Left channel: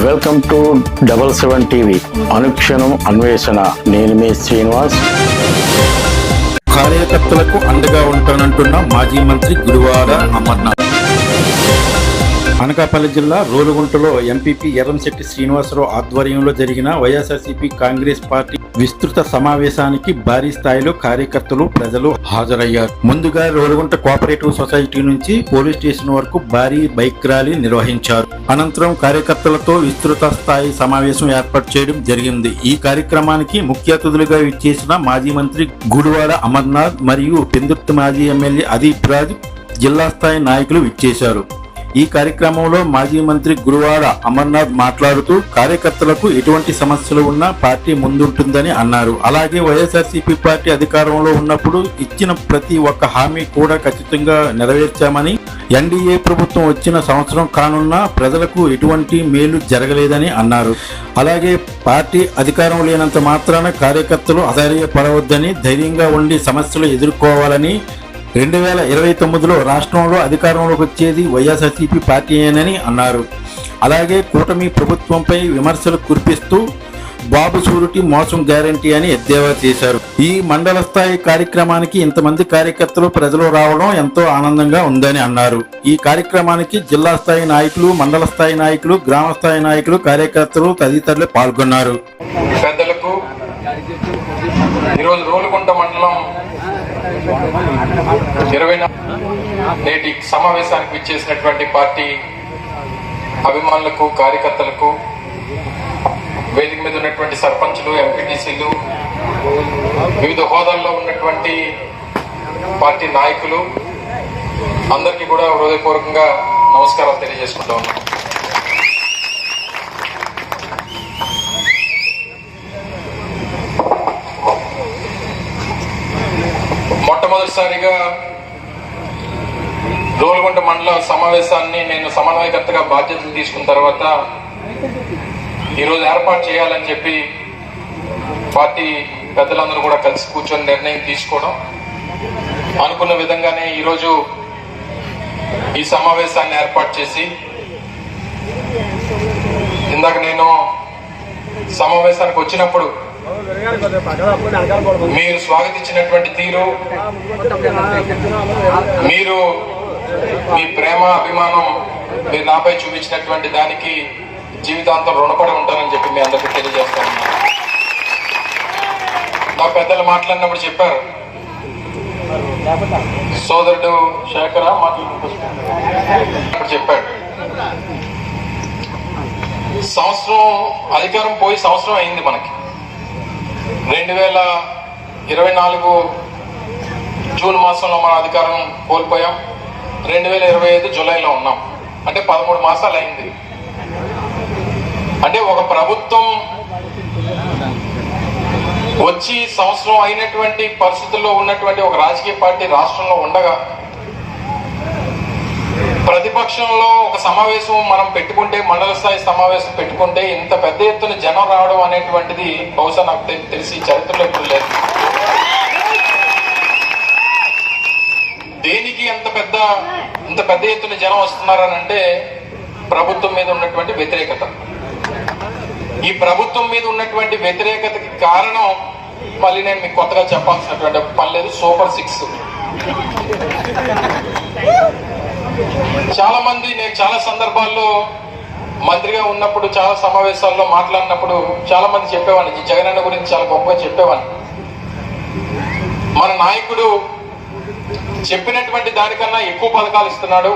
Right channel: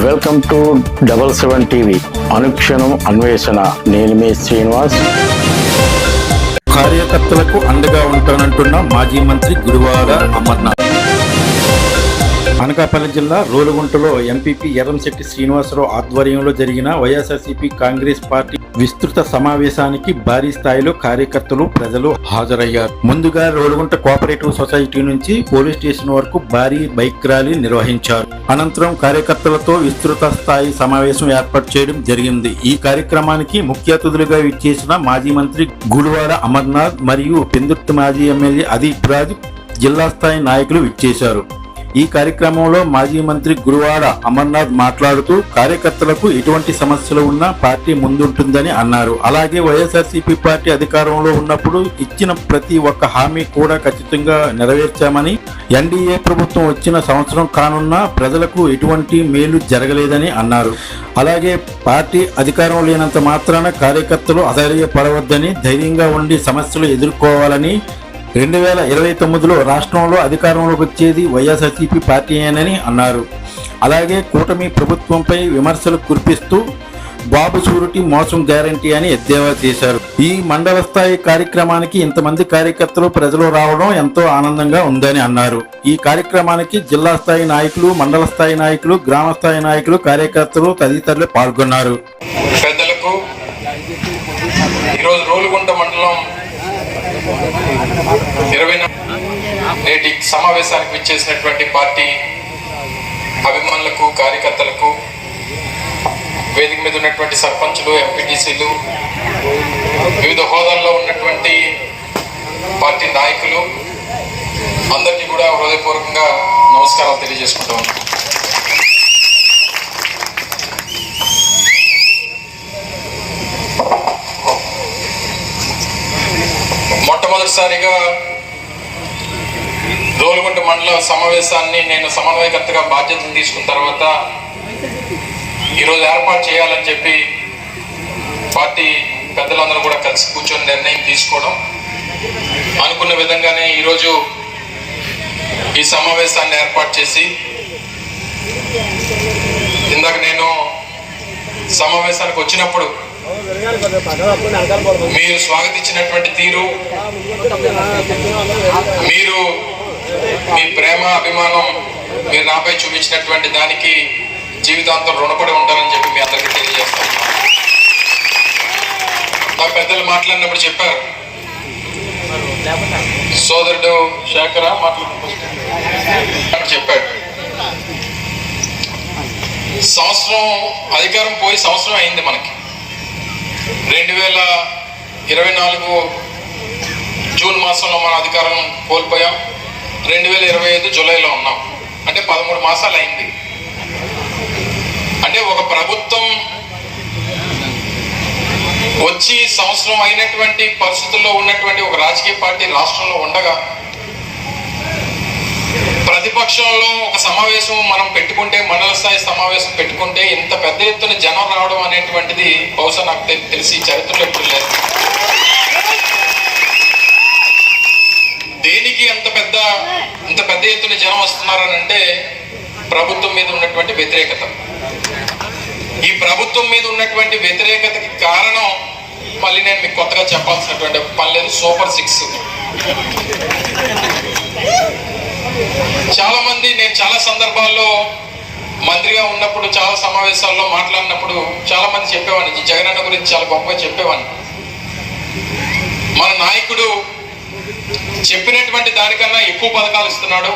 Welcome to double seven TV. అనుక్షణం అన్వేషణ. నేను మీ శ్రీనివాస్. కార్యకర్తలకు అండగా ఉంటానంటున్న మాజీ మంత్రి గురువార అమర్నాథ్. అనకాపల్లి జిల్లా రోలుగుంటలో ఎంపీపీ ఎర్రంశెట్టి శ్రీనివాసరావు ఆధ్వర్యంలో జరిగిన వైఎస్ఆర్సీపీ కాంగ్రెస్ పార్టీ విస్తృత సమావేశానికి భారీ స్థాయిలో కార్యకర్తలు ప్రజలు హాజరయ్యారు. ముందుగా రోలుగుంట కోఆపరేటివ్ సొసైటీ నుంచి పోలీస్ స్టేషన్ వరకు భారీ బైక్ ర్యాలీ నిర్వహించారు. అనంతరం కార్యకర్తలతో విస్తృత స్థాయి సమావేశం ఏర్పాటు చేయడం జరిగింది. ఈ కార్యక్రమానికి ముఖ్య అతిథులుగా ఇచ్చేసిన మాజీ మంత్రి గుడివాడ అమర్నాథ్ మరియు పెందుర్తి మాజీ ఎమ్మెల్యే అదీప్ రాజ్ జిల్లా స్థాయి నాయకులు విచ్చేశారు. ఈ కార్యక్రమంలో మాజీ మంత్రి గురువాడ అమర్నాథ్ మాట్లాడుతూ కార్యకర్తలకు ఎటువంటి సమస్యలు ఉన్నా పార్టీ ముందుంటుందని అన్నారు. అలాగే వైఎస్ఆర్సీపీ పార్టీ అధికారంలో ఉన్నప్పుడు ఇచ్చిన ప్రతి ఒక్క హామీ కూడా ఖచ్చితంగా నెరవేర్చామని ఎన్డీఏ ప్రభుత్వం వచ్చిన సంవత్సరం కానున్నా ప్రజలకు ఎటువంటి మేలు జరగలేదని అన్నారు. అలాగే పార్టీ అధికారం లేనంత మాత్రాన కార్యకర్తలు అధైర్యపడవద్దని ధైర్యంగా ఉండి సమస్యలు ఎదుర్కోవాలని రెండు వేల ఇరవై తొమ్మిదిలో రాష్ట్రంలో అధికారంలోకి వచ్చేది వైఎస్ఆర్సీపీ పార్టీయేనని అన్నారు. అలాగే కూటమి ప్రభుత్వంపై విమర్శలు కురిపిస్తూ బాబు షూరిటీ మోసం గ్యారంటీ అని ఎద్దేవా చేశారు. ఈ మండల స్థాయి కార్యక్రమానికి ఇంతమంది కార్యకర్తలు ప్రజలు రావడం ఎంతో ఆనందంగా ఉందని అన్నారు. ఈ కార్యక్రమానికి జిల్లా స్థాయి నాయకులు మండల స్థాయి నాయకులు గ్రామ స్థాయి నాయకులు కార్యకర్తలు తదితరులు పాల్గొన్నారు. పెద్దలకు ఈరోజు రోలుగుంట మండలం ఇరవై నా- నేటి సమావేశానికి విచ్చేసినటువంటి పార్టీ అభిమానులకు కార్యకర్తలకు వేదిక మీద ఉన్నటువంటి సర్పంచులు ఎంపీటీసీలు వివిధ హోదాల్లో ఉన్నటువంటి పార్టీ నాయకులు అందరికీ కూడా హృదయపూర్వకంగా నమస్కారాలు తెలియజేసుకుంటాం మొట్టమొదటిసారిగా దోలగుంట మండల సమావేశాన్ని నేను సమన్వయకర్తగా బాధ్యతలు తీసుకున్న తర్వాత ఈరోజు ఏర్పాటు చేయాలని చెప్పి పార్టీ పెద్దలందరూ కూడా కలిసి కూర్చొని నిర్ణయం తీసుకోవడం. అనుకున్న విధంగానే ఈరోజు ఈ సమావేశాన్ని ఏర్పాటు చేసి ఇందాక నేను సమావేశానికి వచ్చినప్పుడు మీరు స్వాగతించినటువంటి తీరు మీరు మీ ప్రేమ అభిమానం మీరు నాపై చూపించినటువంటి దానికి జీవితాంతం రుణపడి ఉంటారని చెప్పి మీ అందరికీ తెలియజేస్తాను నా పెద్దలు మాట్లాడినప్పుడు చెప్పారు. సోదరుడు శేఖర మాట్లాడినప్పుడు చెప్పాడు. సంవత్సరం అధికారం పోయి సంవత్సరం అయింది మనకి. రెండు వేల ఇరవై నాలుగు జూన్ మాసంలో మన అధికారం కోల్పోయాం. రెండు వేల ఇరవై ఐదు జూలైలో ఉన్నాం. అంటే పదమూడు మాసాలు అయింది అంటే ఒక ప్రభుత్వం వచ్చి సంవత్సరం అయినటువంటి పరిస్థితుల్లో ఉన్నటువంటి ఒక రాజకీయ పార్టీ రాష్ట్రంలో ఉండగా ప్రతిపక్షంలో ఒక సమావేశం మనం పెట్టుకుంటే మండల స్థాయి సమావేశం పెట్టుకుంటే ఇంత పెద్ద ఎత్తున జనం రావడం అనేటువంటిది బహుశా నాకు తెలిసి చరిత్రలో ఎప్పుడు లేదు. దేనికి అంత పెద్ద ఇంత పెద్ద ఎత్తున జనం వస్తున్నారనంటే ప్రభుత్వం మీద ఉన్నటువంటి వ్యతిరేకత. ఈ ప్రభుత్వం మీద ఉన్నటువంటి వ్యతిరేకతకి కారణం మళ్ళీ నేను మీకు కొత్తగా చెప్పాల్సినటువంటి పని లేదు సూపర్ సిక్స్. చాలా మంది నేను చాలా సందర్భాల్లో మంత్రిగా ఉన్నప్పుడు చాలా సమావేశాల్లో మాట్లాడినప్పుడు చాలా మంది చెప్పేవాడిని. ఈ గురించి చాలా గొప్పగా చెప్పేవాడిని. మన నాయకుడు చెప్పినటువంటి దానికన్నా ఎక్కువ పథకాలు ఇస్తున్నాడు.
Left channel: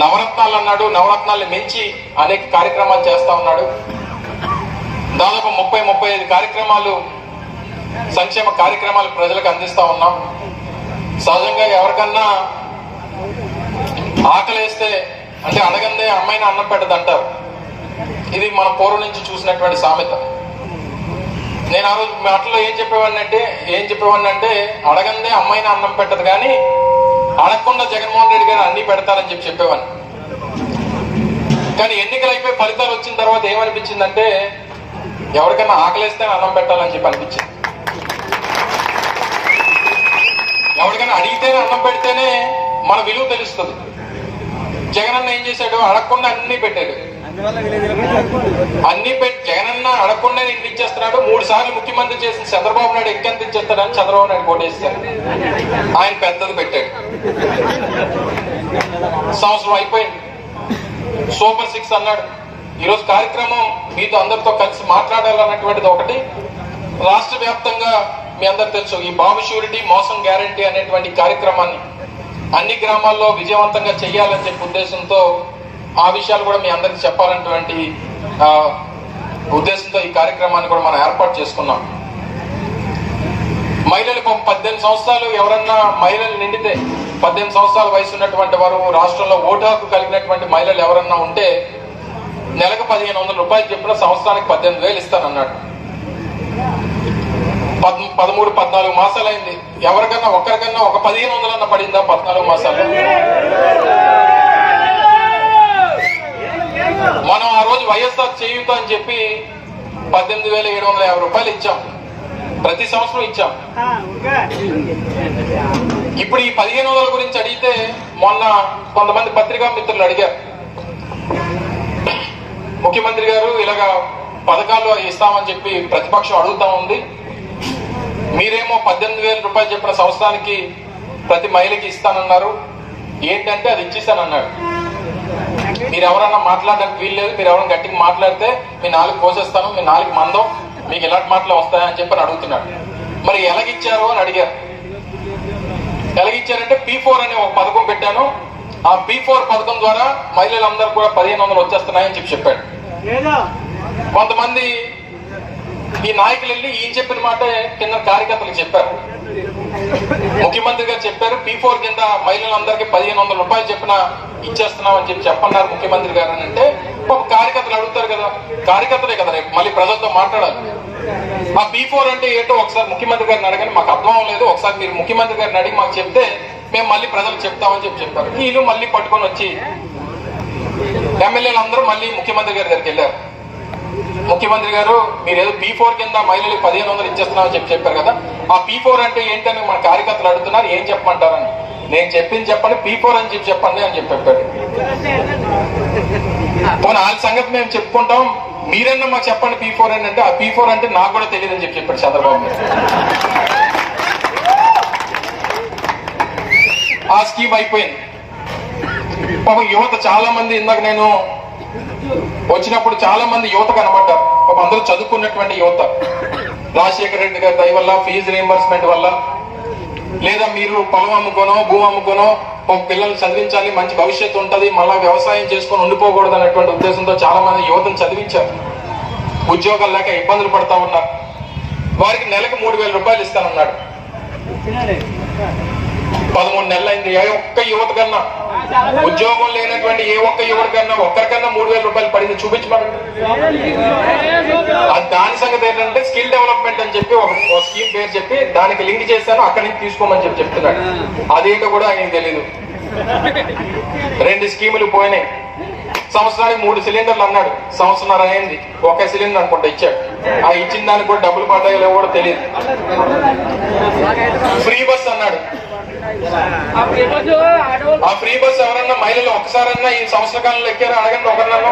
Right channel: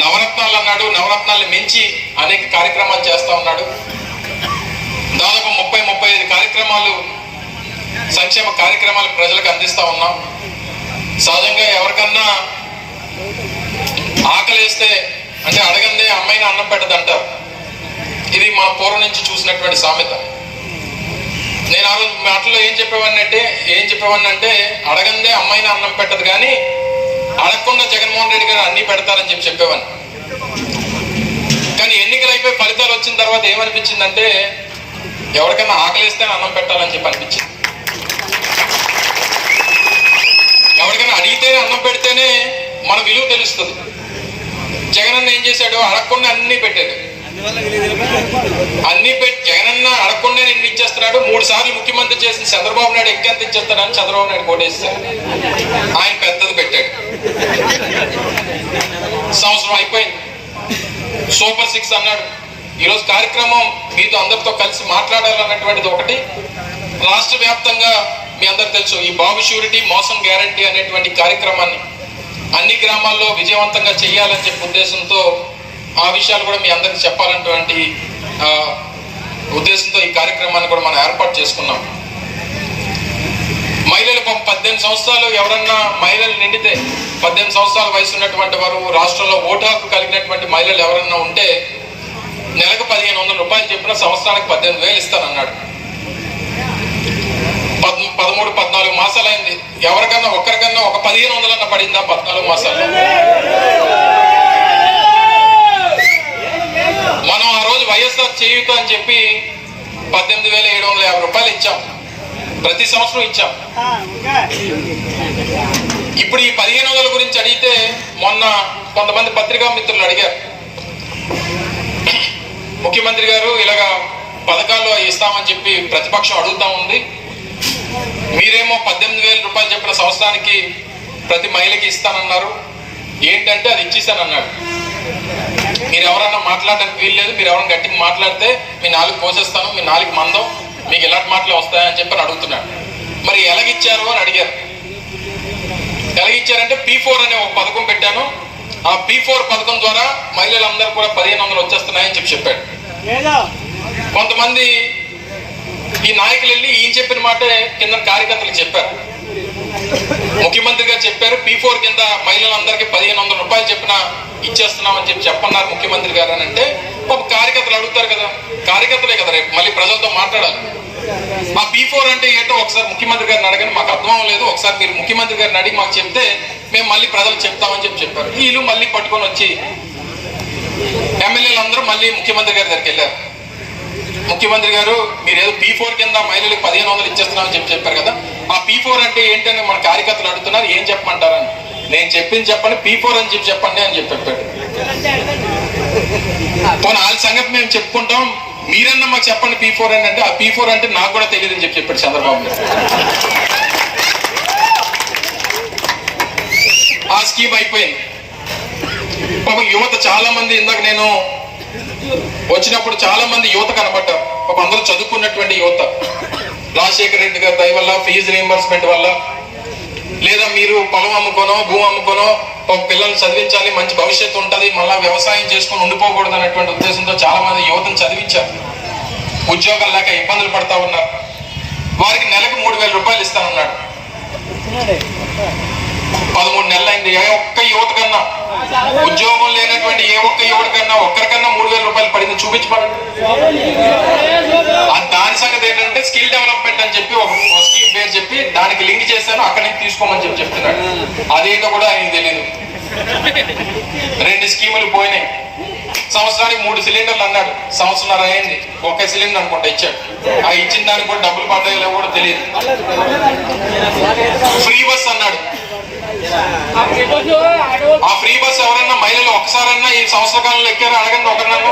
నవరత్నాలు అన్నాడు. నవరత్నాలు మించి అనేక కార్యక్రమాలు చేస్తా ఉన్నాడు. దాదాపు ముప్పై ముప్పై ఐదు కార్యక్రమాలు సంక్షేమ కార్యక్రమాలు ప్రజలకు అందిస్తా ఉన్నాం. సహజంగా ఎవరికన్నా ఆకలేస్తే అంటే అడగందే అమ్మాయిని అన్నం పెట్టదంటారు. ఇది మన పూర్వం నుంచి చూసినటువంటి సామెత. నేను ఆ రోజు మాటల్లో ఏం చెప్పేవాడిని అంటే ఏం చెప్పేవాడిని అంటే అడగందే అమ్మాయిని అన్నం పెట్టదు కానీ అడగకుండా జగన్మోహన్ రెడ్డి గారు అన్ని పెడతారని చెప్పి చెప్పేవాడిని. కానీ ఎన్నికలు అయిపోయి ఫలితాలు వచ్చిన తర్వాత ఏమనిపించిందంటే ఎవరికైనా ఆకలిస్తే అన్నం పెట్టాలని చెప్పి అనిపించింది. ఎవరికైనా అడిగితేనే అన్నం పెడితేనే మన విలువ తెలుస్తుంది. జగన్ అన్న ఏం చేశాడు? అడగకుండా అన్ని పెట్టాడు. అన్ని పెట్టి జగనన్న అడగకుండా నేను ఇచ్చేస్తున్నాడు మూడు సార్లు ముఖ్యమంత్రి చేసిన చంద్రబాబు నాయుడు ఇంకెంత ఇచ్చేస్తాడని చంద్రబాబు నాయుడు కోటేస్తారు ఆయన పెద్దది పెట్టాడు. సంవత్సరం అయిపోయింది. సూపర్ సిక్స్ అన్నాడు. ఈరోజు కార్యక్రమం మీతో అందరితో కలిసి మాట్లాడాలన్నటువంటిది ఒకటి. రాష్ట్ర వ్యాప్తంగా మీ అందరు తెలుసు ఈ బాబు షూరిటీ మోసం గ్యారంటీ అనేటువంటి కార్యక్రమాన్ని అన్ని గ్రామాల్లో విజయవంతంగా చేయాలని చెప్పే ఉద్దేశంతో ఆ విషయాలు కూడా మీ అందరికి చెప్పాలన్నటువంటి ఉద్దేశంతో ఈ కార్యక్రమాన్ని కూడా మనం ఏర్పాటు చేసుకున్నాం. మహిళలు పద్దెనిమిది సంవత్సరాలు ఎవరన్నా మహిళలు నిండితే పద్దెనిమిది సంవత్సరాల వయసు ఉన్నటువంటి వారు రాష్ట్రంలో ఓటు హక్కు కలిగినటువంటి మహిళలు ఎవరన్నా ఉంటే నెలకు పదిహేను వందల రూపాయలు చెప్పిన సంవత్సరానికి పద్దెనిమిది వేలు ఇస్తానన్నాడు. పద్ పదమూడు పద్నాలుగు మాసాలు అయింది ఎవరికన్నా ఒక్కరికన్నా ఒక పదిహేను వందలన్నా పడిందా పద్నాలుగు మాసాలు మనం రోజు వైఎస్ఆర్ చేయుత అని చెప్పి పద్దెనిమిది వేల ఏడు వందల యాభై రూపాయలు ఇచ్చాం. ప్రతి సంవత్సరం ఇచ్చాం. ఇప్పుడు ఈ పదిహేను వందల గురించి అడిగితే మొన్న కొంతమంది పత్రికా మిత్రులు అడిగారు. ముఖ్యమంత్రి గారు ఇలాగా పథకాలు ఇస్తామని చెప్పి ప్రతిపక్షం అడుగుతా ఉంది. మీరేమో పద్దెనిమిది వేల రూపాయలు చెప్పిన సంవత్సరానికి ప్రతి మహిళకి ఇస్తానన్నారు. ఏంటంటే అది ఇచ్చేసానన్నాడు మీరు ఎవరన్నా మాట్లాడడానికి వీల్లేదు మీరు ఎవరైనా గట్టిగా మాట్లాడితే మీ నాలుగు కోసేస్తాను మీ నాలుగు మందం మీకు ఎలాంటి మాటలు వస్తాయని చెప్పి అని అడుగుతున్నాడు మరి ఎలాగిచ్చారు అని అడిగారు. ఎలాగిచ్చారంటే పీ ఫోర్ అనే ఒక పథకం పెట్టాను. ఆ పీ ఫోర్ పథకం ద్వారా మహిళలందరూ కూడా పదిహేను వందలు వచ్చేస్తున్నాయని చెప్పి చెప్పాడు. కొంతమంది ఈ నాయకులు వెళ్ళి ఈయన చెప్పిన మాటే కింద కార్యకర్తలకు చెప్పారు. ముఖ్యమంత్రి గారు చెప్పారు. పీ ఫోర్ కింద మహిళలందరికీ పదిహేను వందల రూపాయలు చెప్పిన ఇచ్చేస్తున్నామని చెప్పి చెప్పన్నారు ముఖ్యమంత్రి గారు అని అంటే పాప కార్యకర్తలు అడుగుతారు కదా. కార్యకర్తలే కదా రేపు మళ్ళీ ప్రజలతో మాట్లాడాలి. ఆ పీ ఫోర్ అంటే ఏంటో ఒకసారి ముఖ్యమంత్రి గారిని అడగని మాకు అర్థం అవ్వలేదు. ఒకసారి మీరు ముఖ్యమంత్రి గారిని అడిగి మాకు చెప్తే మేము మళ్ళీ ప్రజలకు చెప్తామని చెప్పి చెప్పారు. వీళ్ళు మళ్ళీ పట్టుకొని వచ్చి ఎమ్మెల్యేలు అందరూ మళ్ళీ ముఖ్యమంత్రి గారి దగ్గరికి వెళ్ళారు. ముఖ్యమంత్రి గారు మీరు ఏదో పీ ఫోర్ కింద మహిళలకు పదిహేను వందలు ఇచ్చేస్తున్నామని చెప్పి చెప్పారు కదా. ఆ పీ ఫోర్ అంటే ఏంటని మన కార్యకర్తలు అడుగుతున్నారు ఏం చెప్పమంటారని. నేను చెప్పింది చెప్పండి పీ ఫోర్ అని చెప్పి చెప్పండి అని చెప్పి చెప్పాడు పోనీ వాళ్ళ సంగతి మేము చెప్పుకుంటాం మీరన్నా మాకు చెప్పండి పీ ఫోర్ అని అంటే ఆ పీ ఫోర్ అంటే నాకు కూడా తెలియదు అని చెప్పి చెప్పాడు చంద్రబాబు ఆ స్కీమ్ అయిపోయింది. పాపం యువత చాలా మంది ఇందాక నేను వచ్చినప్పుడు చాలా మంది యువత కనబడ్డారు. ఒక అందరూ చదువుకున్నటువంటి యువత. రాజశేఖర రెడ్డి గారి దయ వల్ల ఫీజు రీంబర్స్మెంట్ వల్ల లేదా మీరు పొలం అమ్ముకోనో భూమి అమ్ముకోనో ఒక పిల్లల్ని చదివించాలి మంచి భవిష్యత్తు ఉంటుంది మళ్ళీ వ్యవసాయం చేసుకొని ఉండిపోకూడదు అనేటువంటి ఉద్దేశంతో చాలా మంది యువతను చదివించారు. ఉద్యోగాలు లేక ఇబ్బందులు పడతా ఉన్నారు. వారికి నెలకు మూడు వేల రూపాయలు ఇస్తానన్నాడు. పదమూడు నెలలు అయింది ఏ ఒక్క యువత కన్నా ఉద్యోగం లేనటువంటి ఏ ఒక్క యువత కన్నా ఒక్కరికన్నా మూడు వేల రూపాయలు పడింది చూపించమని. అది దాని సంగతి ఏంటంటే స్కిల్ డెవలప్మెంట్ అని చెప్పి ఒక స్కీమ్ పేరు చెప్పి దానికి లింక్ చేశాను అక్కడి నుంచి తీసుకోమని చెప్పి చెప్తున్నాడు. అదేంటో కూడా ఆయనకు తెలీదు. రెండు స్కీములు పోయినాయి. సంవత్సరానికి మూడు సిలిండర్లు అన్నాడు. సంవత్సరం అయింది. ఒక సిలిండర్ అనుకుంటా ఇచ్చాడు. ఆ ఇచ్చిన దానికి కూడా డబ్బులు పడ్డాయో లేవో కూడా తెలియదు. ఫ్రీ బస్ అన్నాడు. ఆ ఫ్రీ బస్ ఎవరన్నా మహిళలు ఒకసారన్నా ఈ సంవత్సర కాలంలో ఎక్కారా? అడగండి ఒకరినన్నా.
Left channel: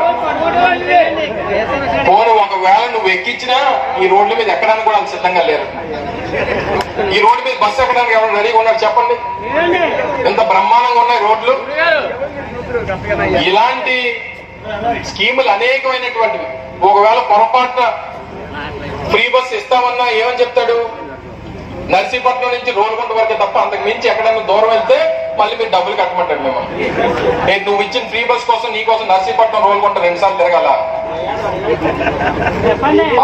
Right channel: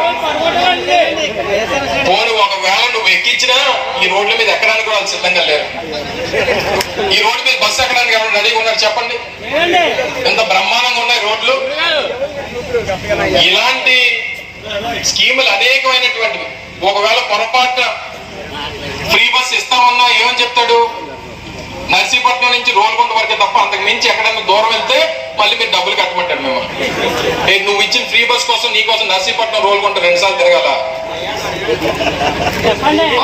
పోను ఒకవేళ నువ్వు ఎక్కించినా ఈ రోడ్ల మీద ఎక్కడానికి కూడా వాళ్ళు సిద్ధంగా లేరు. ఈ రోడ్డు మీద బస్సు ఎక్కడానికి ఎవరు రెడీగా ఉన్నారు చెప్పండి. ఎంత బ్రహ్మాండంగా ఉన్నాయి రోడ్లు. ఇలాంటి స్కీములు అనేకమైనటువంటివి. ఒకవేళ పొరపాటున ఫ్రీ బస్ ఇస్తామన్నా ఏమని చెప్తాడు? నర్సీపట్నం నుంచి రోల్గొండ వరకే తప్ప అంతకు మించి ఎక్కడన్నా దూరం వెళ్తే మళ్ళీ మీరు డబ్బులు కట్టమంటాడు మిమ్మల్ని. నువ్వు ఇచ్చిన ఫ్రీ బస్ కోసం నీ కోసం నర్సీపట్నం రోల్గొండ రెండు సార్లు తిరగాల?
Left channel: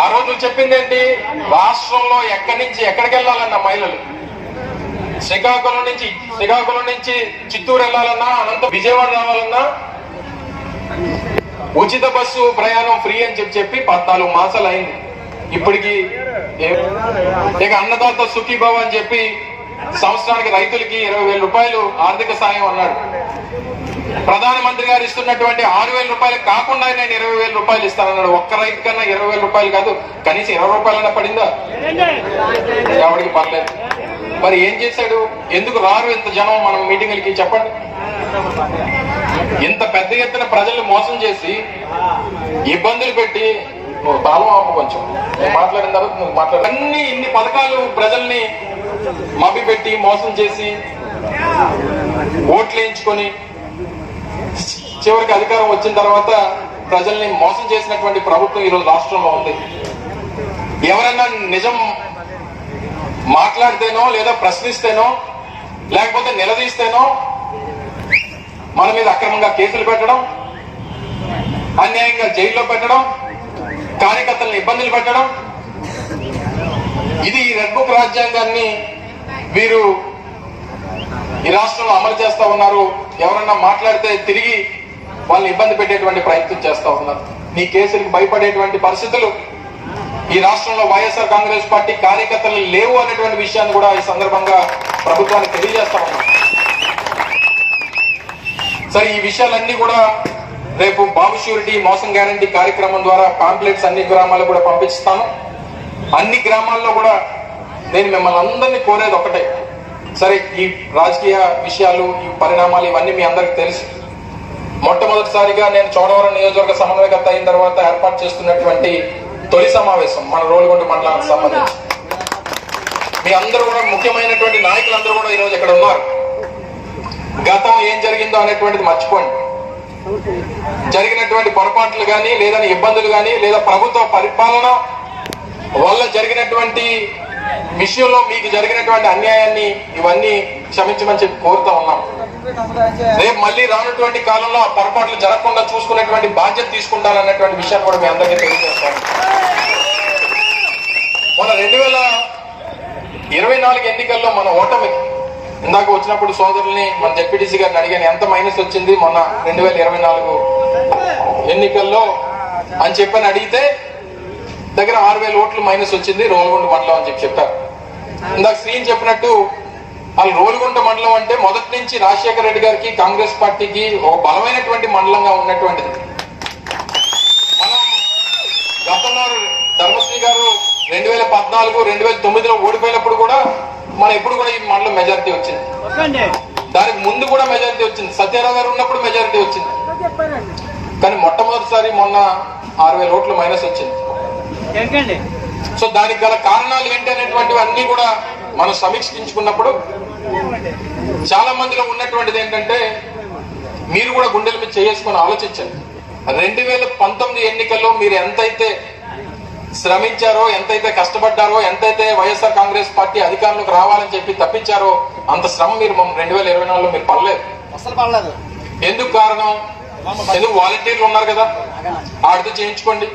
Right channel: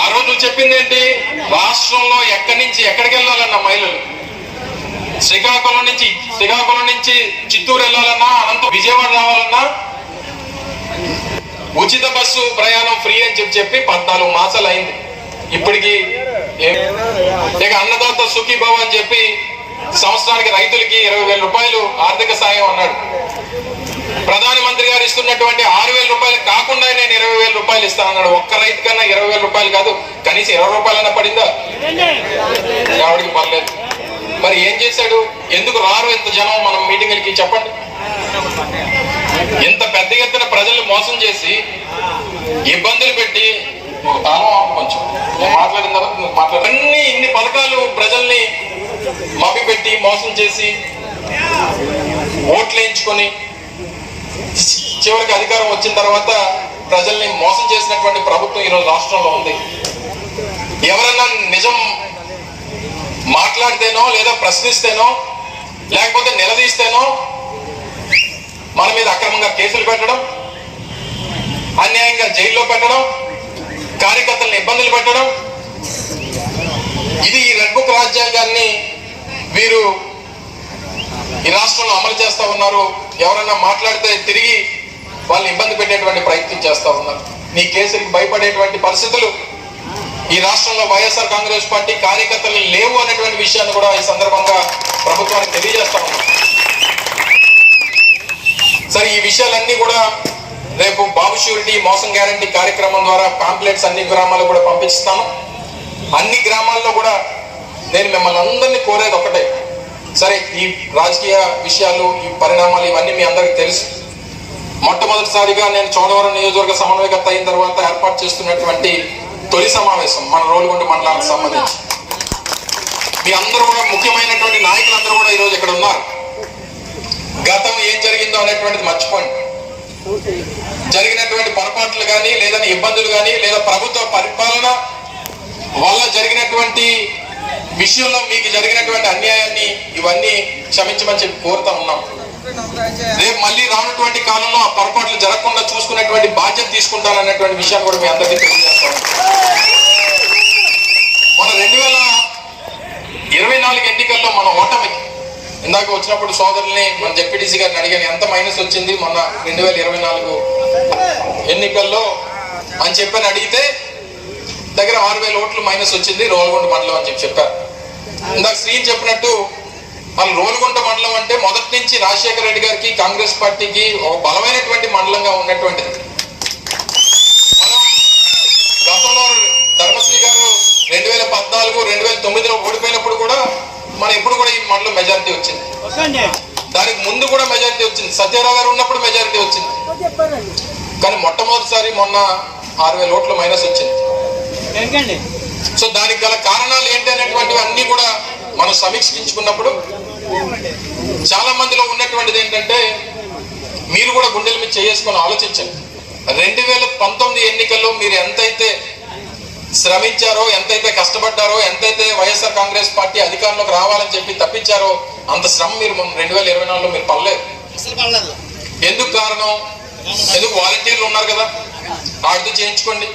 ఆ రోజులు చెప్పింది ఏంటి? రాష్ట్రంలో ఎక్కడి నుంచి ఎక్కడికి వెళ్ళాలన్న మహిళలు? శ్రీకాకుళం నుంచి శ్రీకాకుళం నుంచి చిత్తూరు వెళ్ళాలన్నా అనంత విజయవాడ రావాలన్నా? ఉచిత బస్సు ప్రయాణం ఫ్రీ అని చెప్పి చెప్పి పద్నాలుగు మాసాలు అయింది. ఇప్పటికి ఇక అన్నదాత సుఖీభావ అని చెప్పి సంవత్సరానికి రైతులకి ఇరవై వేల రూపాయలు ఆర్థిక సాయం అన్నాడు. ప్రధానమంత్రి గారు ఇస్తున్నటువంటి ఆరు వేల రూపాయలు కాకుండా నేను ఇరవై వేల రూపాయలు ఇస్తానన్నాడు ఒక్క రైతు కన్నా ఇరవై వేల రూపాయలు కాదు కనీసం ఇరవై రూపాయలన్నా పడిందా? ఎవరికి పర్లేదు మరి ఏం చేశాడు? ఎందుకు రారు ఇంత జనం? మనం మీటింగ్లకి చెప్పండి. ఇంత పెద్ద ఎత్తున ప్రజలు మోసం చేసి ఇబ్బందులు పెట్టి నువ్వు తాళం ఆపు కొంచెం. నేను మాట్లాడిన తర్వాత నువ్వు మాట్లాడు. అన్ని ఇన్ని పథకాలు ప్రజల్ని మభ్యపెట్టి మోసం చేసి ఓట్లు వేయించుకొని చివరికి అధికారం వచ్చిన తర్వాత ప్రజల్ని మోసం చేసినటువంటి ప్రభుత్వం ఈరోజు రాష్ట్రంలో ఉంది. ఎవరైనా నిజం మాట్లాడితేనో లేదా ప్రశ్నిస్తేనో లేకపోతే నిలదీస్తేనో మన మీద అక్రమంగా కేసులు పెట్టడం అన్యాయంగా జైల్లో పెట్టడం కార్యకర్తలను ఇబ్బందులు పెట్టడం. ఇది ఈ రెడ్ బుక్ రాజ్యాంగాన్ని వీరు ఈ రాష్ట్రంలో అమలు చేస్తూ ఉన్నారు. ఎవరన్నా మాట్లాడితే తిరిగి వాళ్ళని ఇబ్బంది పెట్టేటువంటి ప్రయత్నం చేస్తూ ఉన్నారు. నీ కేసులకు భయపడేటువంటి పరిస్థితులు ఈ రాష్ట్రంలో వైఎస్ఆర్ కాంగ్రెస్ పార్టీ కార్యకర్తలు లేవు అనేటువంటి విషయాన్ని కూడా ఈ సందర్భంగా ప్రభుత్వానికి తెలియజేస్తా ఉన్నాం సరే ఈ విషయాలన్నీ కూడా రేపు బాబు షూరిటీ మోసం గ్యారంటీ కార్యక్రమం ద్వారా పాంప్లెట్స్ అన్ని గ్రామాలకు కూడా పంపిస్తాము అన్ని గ్రామాల్లో కూడా నేను మిమ్మల్ని అందరినీ కోరేది ఒకటే. సరే ఈ రాజకీయ విషయాలు ఈ పరిణామాలు ఇవన్నీ మీ అందరికి తెలుసు. మొట్టమొదటిసారిగా నేను చోడవరం నియోజకవర్గ సమన్వయకర్త అయిన తర్వాత ఏర్పాటు చేస్తున్నటువంటి తొలి సమావేశం మన రోలుగుంట మండలానికి సంబంధించి. మీ అందరూ కూడా ముఖ్యమైనటువంటి నాయకులందరూ కూడా ఈరోజు ఇక్కడ ఉన్నారు. గతం ఏం జరిగిందో అనేటువంటిది మర్చిపోండి. జరిగినటువంటి పొరపాట్లు కానీ లేదా ఇబ్బందులు కానీ లేదా ప్రభుత్వ పరిపాలన వల్ల జరిగినటువంటి విషయంలో మీకు జరిగినటువంటి అన్యాయాన్ని ఇవన్నీ క్షమించమని చెప్పి కోరుతా ఉన్నాం. రేపు మళ్ళీ రానటువంటి కాలంలో ఆ పొరపాట్లు జరగకుండా చూసుకునేటువంటి బాధ్యత తీసుకుంటారనేటువంటి విషయాన్ని కూడా మీ అందరికీ తెలియజేస్తాం మన రెండు వేల ఇరవై నాలుగు ఎన్నికల్లో మన ఓటమి ఇందాక వచ్చినప్పుడు సోదరుల్ని మన జెడ్పీటీసీ గారిని అడిగాను ఎంత మైనస్ వచ్చింది? మొన్న రెండు వేల ఇరవై నాలుగు ఎన్నికల్లో అని చెప్పని అడిగితే దగ్గర ఆరు వేల ఓట్లు మైనస్ వచ్చింది రోల్గొండ మండలం అని చెప్పి చెప్పారు. ఇందాక శ్రీని చెప్పినట్టు వాళ్ళు రోలుగుంట మండలం అంటే మొదటి నుంచి రాజశేఖర రెడ్డి గారికి కాంగ్రెస్ పార్టీకి ఒక బలమైనటువంటి మండలంగా ఉన్నటువంటిది. మనం గతంలో ధర్మశ్రీ గారు రెండు వేల పద్నాలుగు రెండు వేల తొమ్మిదిలో ఓడిపోయినప్పుడు కూడా మన ఎప్పుడు కూడా ఈ మండలం మెజారిటీ వచ్చింది. దానికి ముందు కూడా మెజారిటీ వచ్చింది. సత్యారావు గారు ఉన్నప్పుడు మెజారిటీ వచ్చింది. కానీ మొట్టమొదటిసారి మొన్న ఆరు వేల ఓట్లు మైనస్ వచ్చింది. సో దానికి గల కారణాలు ఏంటి అనేటువంటివి అన్ని కూడా మనం సమీక్షించుకున్నప్పుడు చాలా మందిలో ఉన్నటువంటిది ఏంటంటే మీరు కూడా గుండెల మీద చేసుకొని ఆలోచించండి. రెండు వేల పంతొమ్మిది ఎన్నికల్లో మీరు ఎంతైతే శ్రమించారో ఎంతైతే కష్టపడ్డారో ఎంతైతే వైఎస్ఆర్ కాంగ్రెస్ పార్టీ అధికారంలోకి రావాలని చెప్పి తప్పించారో అంత శ్రమ మీరు రెండు వేల ఇరవై నాలుగులో మీరు పడలేదు. ఎందుకు కారణం? ఎందుకు వాలంటీర్లు ఉన్నారు కదా. ఆడితో చేయించుకోండి.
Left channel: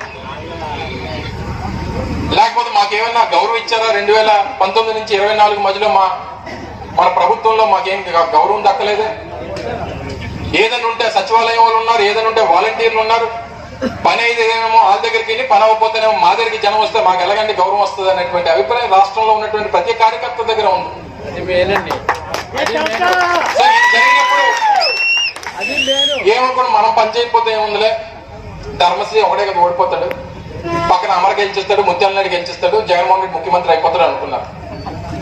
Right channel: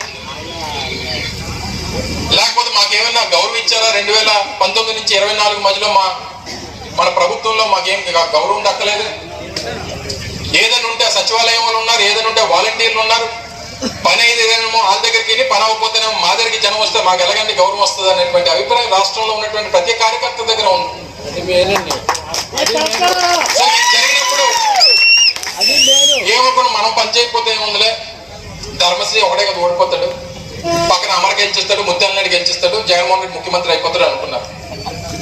లేకపోతే మాకేమైనా గౌరవం ఇచ్చారా? రెండు వేల పంతొమ్మిది నుంచి ఇరవై నాలుగు మధ్యలో మా మన ప్రభుత్వంలో మాకేం గౌరవం దక్కలేదు. ఏదైనా ఉంటే సచివాలయం వాళ్ళు ఉన్నారు ఏదైనా ఉంటే వాలంటీర్లు ఉన్నారు. పని అయితేనేమో వాళ్ళ దగ్గరికి వెళ్ళి పని అవ్వకపోతేనేమో మా దగ్గరికి జనం వస్తే మాకు ఎలాగంటే గౌరవం వస్తుంది అనేటువంటి అభిప్రాయం రాష్ట్రంలో ఉన్నటువంటి ప్రతి కార్యకర్త దగ్గర ఉంది. ఏమనుకున్నా మనం పని చేయకపోతే ఏముందిలే? ధర్మశ్రీ ఒకటే కదా ఓడిపోతాడు. పక్కన అమర్ గెలిచిస్తాడు ముత్యాలనాయుడు గెలిచిస్తాడు జగన్మోహన్ రెడ్డి ముఖ్యమంత్రి అయిపోతాడు అనుకున్నారు.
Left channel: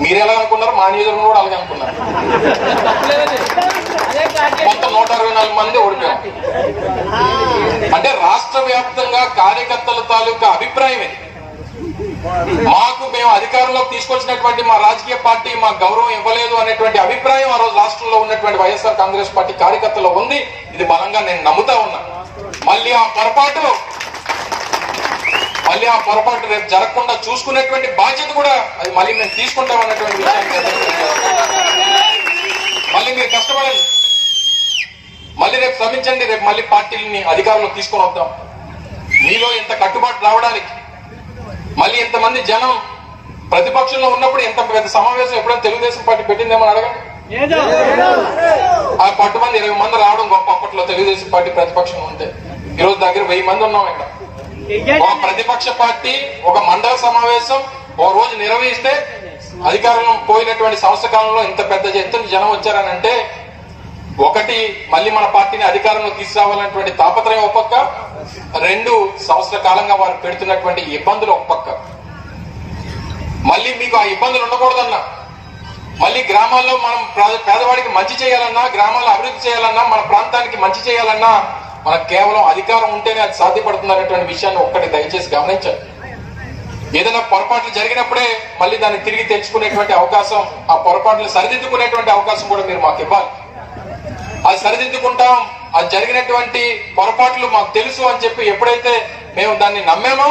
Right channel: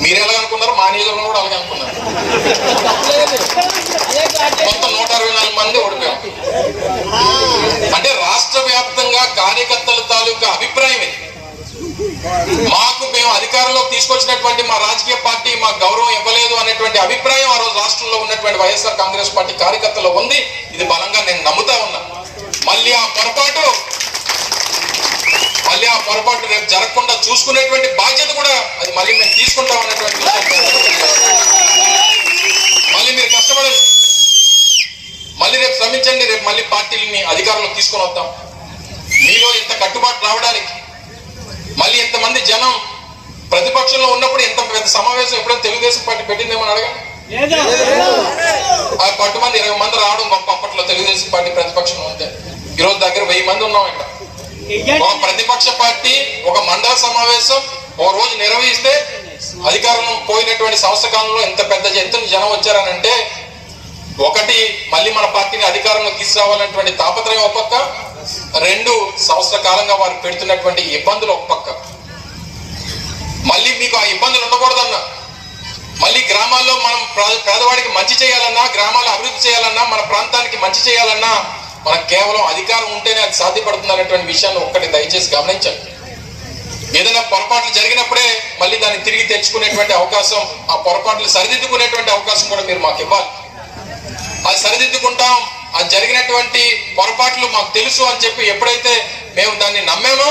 మీరు ఎలా అనుకున్నారు? మా నియోజకవర్గం కూడా అలాగే అనుకున్నారు. మొత్తం నూట అరవై నాలుగు మంది ఓడిపోయాం అంటే రాష్ట్ర వ్యాప్తంగా కార్యకర్తల తాలూకా అభిప్రాయం ఇది. మాకు మేము అధికారంలోకి తీసుకొచ్చినటువంటి మా రాజకీయ పార్టీ మాకు గౌరవం ఇవ్వలేదు అనేటువంటి అభిప్రాయం ఆ రోజు రాష్ట్రంలో ఉన్నటువంటి వైఎస్ఆర్ కాంగ్రెస్ పార్టీ కార్యకర్తలు ఉంది. ఇది బలంగా నేను నమ్ముతా ఉన్నా. మళ్ళీ ఆ పొరపాటు మళ్ళీ ఆ పొరపాటు రేపు జరగకుండా చూసుకునేటువంటి బాధ్యత కూడా అది మళ్ళీ మేము తీసుకుంటాం అనేటువంటి విషయాన్ని మళ్ళీ మీరు కష్టపడండి. మళ్ళీ రేపు శ్రమించండి. రేపు మళ్ళీ పార్టీని అధికారంలో తీసుకొని వద్దాం. మీలో ఇంత కట్టుబాటు రావడానికి మళ్ళీ ఇంతమంది జనం ప్రతిపక్షంలో ఉన్నప్పుడు ఎంత పెద్ద సమావేశం ఎప్పుడైనా తెలుగుదేశం పార్టీ పెట్టిందేమో అడగండి. ఆ పట్టు మంది ఇరవై మంది రావడం గొప్ప అప్పట్లో తెలుగుదేశం పార్టీ ప్రతిపక్షంలో ఉంటే. ఈ రోజు దగ్గర వెయ్యి మంది ఉన్నాం ఇక్కడ. ఒక ప్రతిపక్ష పార్టీ ఒక మండల సమావేశం ఒక రోజు నిర్వహిస్తే అధికారం పోయినటువంటి సంవత్సర కాలంలో ఇంత పెద్ద ఎత్తున జనం వచ్చారని అంటే ఒకటి మళ్ళీ మన పార్టీని అధికారంలో తీసుకురావాలన్నటువంటి తాపత్రయం ఒక రెండు సంవత్సర కాలంగా వారు పెడుతున్నటువంటి ఇబ్బందులు ఒక పక్క. మళ్ళీ మీకు ఆ ఇబ్బందులు ఉండకూడదన్నా. మళ్ళీ గ్రామాల్లో మనం పేదవాడికి మంచి చేయాలన్నా గ్రామాల్లో అభివృద్ధి చేయాలన్నా మన ప్రాంతానికి మంచి చేయాలన్నా మనకు కేవలం అధికారం ఉంటేనే అది సాధ్యపడుతుంది అనేటువంటి విషయాన్ని ఒక్కటి దయచేసి గమనించండి. ఏదైనా పొరపాట్లు జరిగినప్పుడే మళ్ళీ దాన్ని తిరిగి తెచ్చుకునేటువంటి అవకాశం ఆ పొరపాట్లు సరిదిద్దుకునేటువంటి అవకాశం కూడా మీరు మాకు ఇవ్వాలి. అది సరిదిద్దుకుంటాం అది జరిగినటువంటి పొరపాట్లు మాకు తెలుసు అని చెప్పి ఎప్పుడైతే మేము దాన్ని నమ్మేమో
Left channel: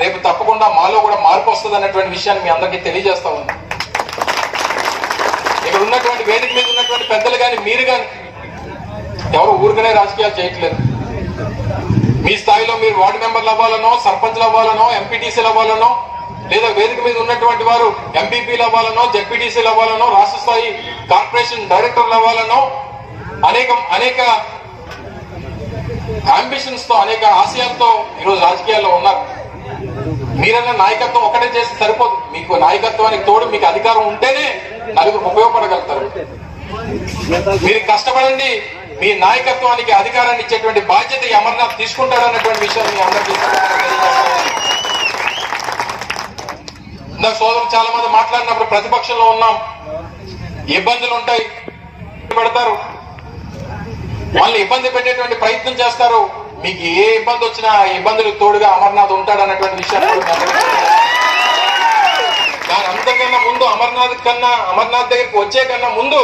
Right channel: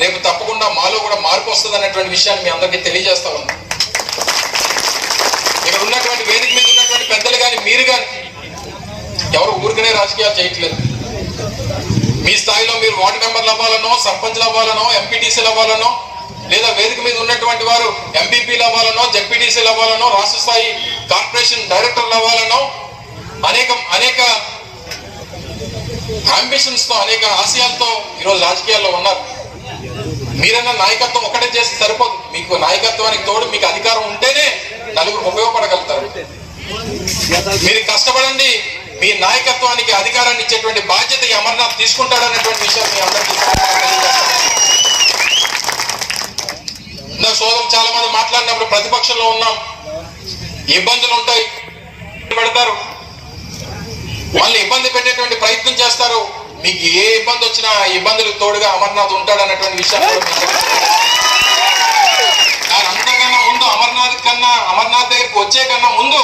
రేపు తప్పకుండా మాలో కూడా మార్పు వస్తుంది అన్నటువంటి విషయాన్ని మీ అందరికీ తెలియజేస్తా ఉన్నాం. ఇక్కడ ఉన్నటువంటి వేదిక మీద ఉన్నటువంటి పెద్దలు కానీ మీరు కానీ ఎవరు ఊరికనే రాజకీయాలు చేయట్లేదు. మీ స్థాయిలో మీరు వార్డు మెంబర్లు అవ్వాలనో సర్పంచ్లు అవ్వాలనో ఎంపీటీసీలు అవ్వాలనో లేదా వేదిక మీద ఉన్నటువంటి వారు ఎంపీపీలు అవ్వాలనో జడ్పీటీసీలు అవ్వాలనో రాష్ట్ర స్థాయి కార్పొరేషన్ డైరెక్టర్లు అవ్వాలనో అనేక అనేక అంబిషన్స్తో అనేక ఆశయాలతో ఈరోజు రాజకీయాల్లో ఉన్నారు. మీరన్న నాయకత్వం ఒకటే చేసి సరిపోదు. మీకు నాయకత్వానికి తోడు మీకు అధికారం ఉంటేనే నలుగురు ఉపయోగపడగలుగుతారు. మీరు కష్టపడండి మీ నాయకత్వానికి అధికారాన్ని ఇచ్చేటువంటి బాధ్యత ఈ అమర్నాథ్ తీసుకుంటాడనేటువంటి విషయం మీ అందరికీ నా ఇందాక సోదరులు చాలా మంది మాట్లాడినప్పుడు ప్రతిపక్షంలో ఉన్నాం. ఇబ్బందులు ఉంటాయి. పెడతారు. వాళ్ళు ఇబ్బంది పెట్టేటువంటి ప్రయత్నం చేస్తారు. మీకు ఏ ఇబ్బంది వచ్చినా ఆ ఇబ్బందులకు తోడుగా అమర్నాథ్ ఉంటాడు అన్నటువంటి విషయాన్ని. దాని అంతకన్నా ముందు అమర్నాథ్ కన్నా అమర్నాథ్ దగ్గరికి వచ్చే కన్నా ముందు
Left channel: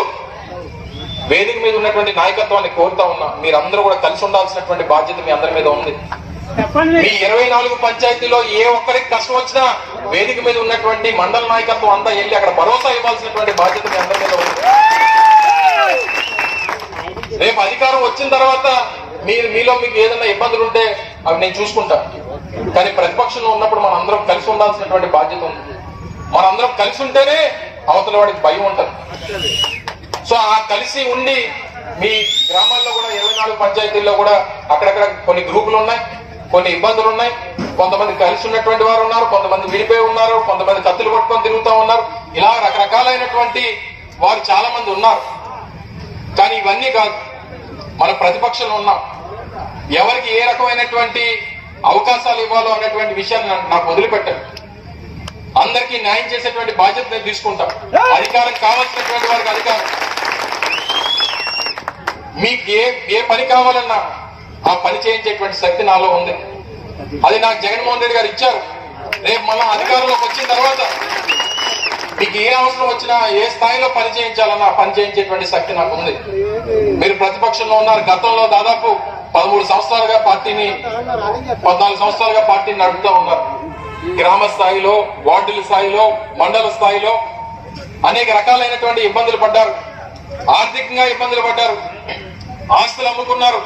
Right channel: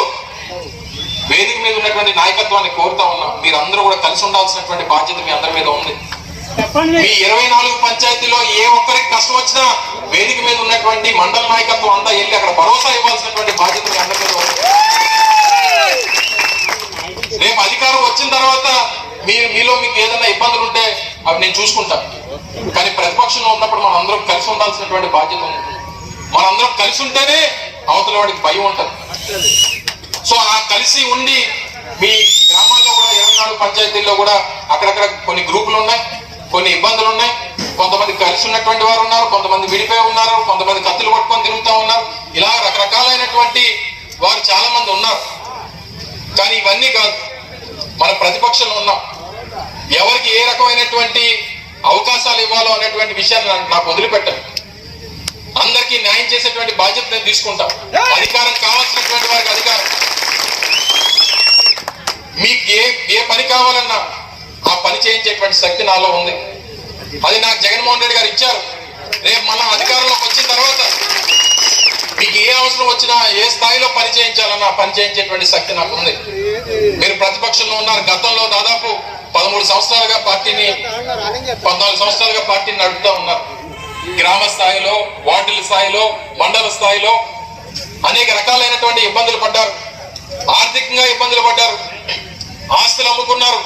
వేదిక మీద ఉన్నటువంటి నాయకత్వాన్ని కోరుతా ఉన్నా. మీరందరూ కూడా కలిసి ఉండాల్సినటువంటి బాధ్యత మీ అందరి మీద ఉంది. మీ ఇరవై నాలుగు పంచాయతీలో ఏ ఒక్కరికి కష్టం వచ్చినా వేదిక మీద ఉన్నటువంటి మండల నాయకత్వం అంతా వెళ్ళి అక్కడ భరోసా ఇవ్వాల్సినటువంటి బాధ్యత మీ అందరి మీద ఉంది. రేపు అధికారం వచ్చిన తర్వాత మీరు మీలో మీకు ఏదైనా ఇబ్బందులు ఉంటే అవి నేను చూసుకుంటాను కానీ ప్రతిపక్షంలో ఉన్నప్పుడు మనం అందరం కలిసి ఉండాల్సినటువంటి బాధ్యత ఉంది. మనందరం కలిసి ఉంటేనే అవతల వాడికి భయం ఉంటుంది. సో ఆ కలిసి ఉండి మీ గ్రామాల్లో కూడా ఇరవై నాలుగు పంచాయతీల్లో కూడా అక్కడక్కడ కొన్ని గ్రూపులు ఉన్నాయి కొన్ని ఇబ్బందులు ఉన్నాయి. కొంతమంది కలిసి ఉన్నటువంటి వారు ఉన్నారు కొంతమంది విడిపోయి ఉన్నారు కొంతమంది కత్తులు పట్టుకొని తిరుగుతూ ఉన్నారు. ఇలా రకరకాలైనటువంటి వారు చాలా మంది ఉన్నారు. కానీ ఇవన్నీ కాదు. మన ప్రతిపక్షంలో ఉన్నాం. ఎవరికి ఏ రకమైనటువంటి అవకాశాలు ఇవ్వాలో అనేటువంటి విషయాన్ని నాకు వదిలిపెట్టండి. అందరికీ న్యాయం చేసేటువంటి బాధ్యత నేను తీసుకుంటాం. అధికారం కావాల్సినటువంటి వారికి అధికారం. మీకు ఏ ఏ పని కావాలన్నా ఆ పని చేయించేటువంటి శక్తి నాలో ఉంది. అది నాకు జగన్మోహన్ రెడ్డి గారు ఇచ్చారు. రేపు మనం అధికారంలోకి వచ్చిన తర్వాత మీకు ఏ అవసరం వచ్చినా ఏ స్థాయిలో పని చేయించాలన్నా పని చేయించేటువంటి శక్తి నాకు ఉంది. మీరు ప్రతిపక్షంలో ఉన్నారు గతంలో దాదాపు పదమూడు సంవత్సరాలుగా పార్టీని పద్నాలుగు సంవత్సరాలుగా పార్టీని నడుపుతూ ఉన్నారు. గ్రామ స్థాయిలో వార్డుల స్థాయిలో మండల స్థాయిలో అనేక రకాలైనటువంటి ఇబ్బందులు పడ్డారు. ఆర్థికంగా ఇబ్బందులు పడ్డారు. ఆస్తులు అమ్ముకున్నారు.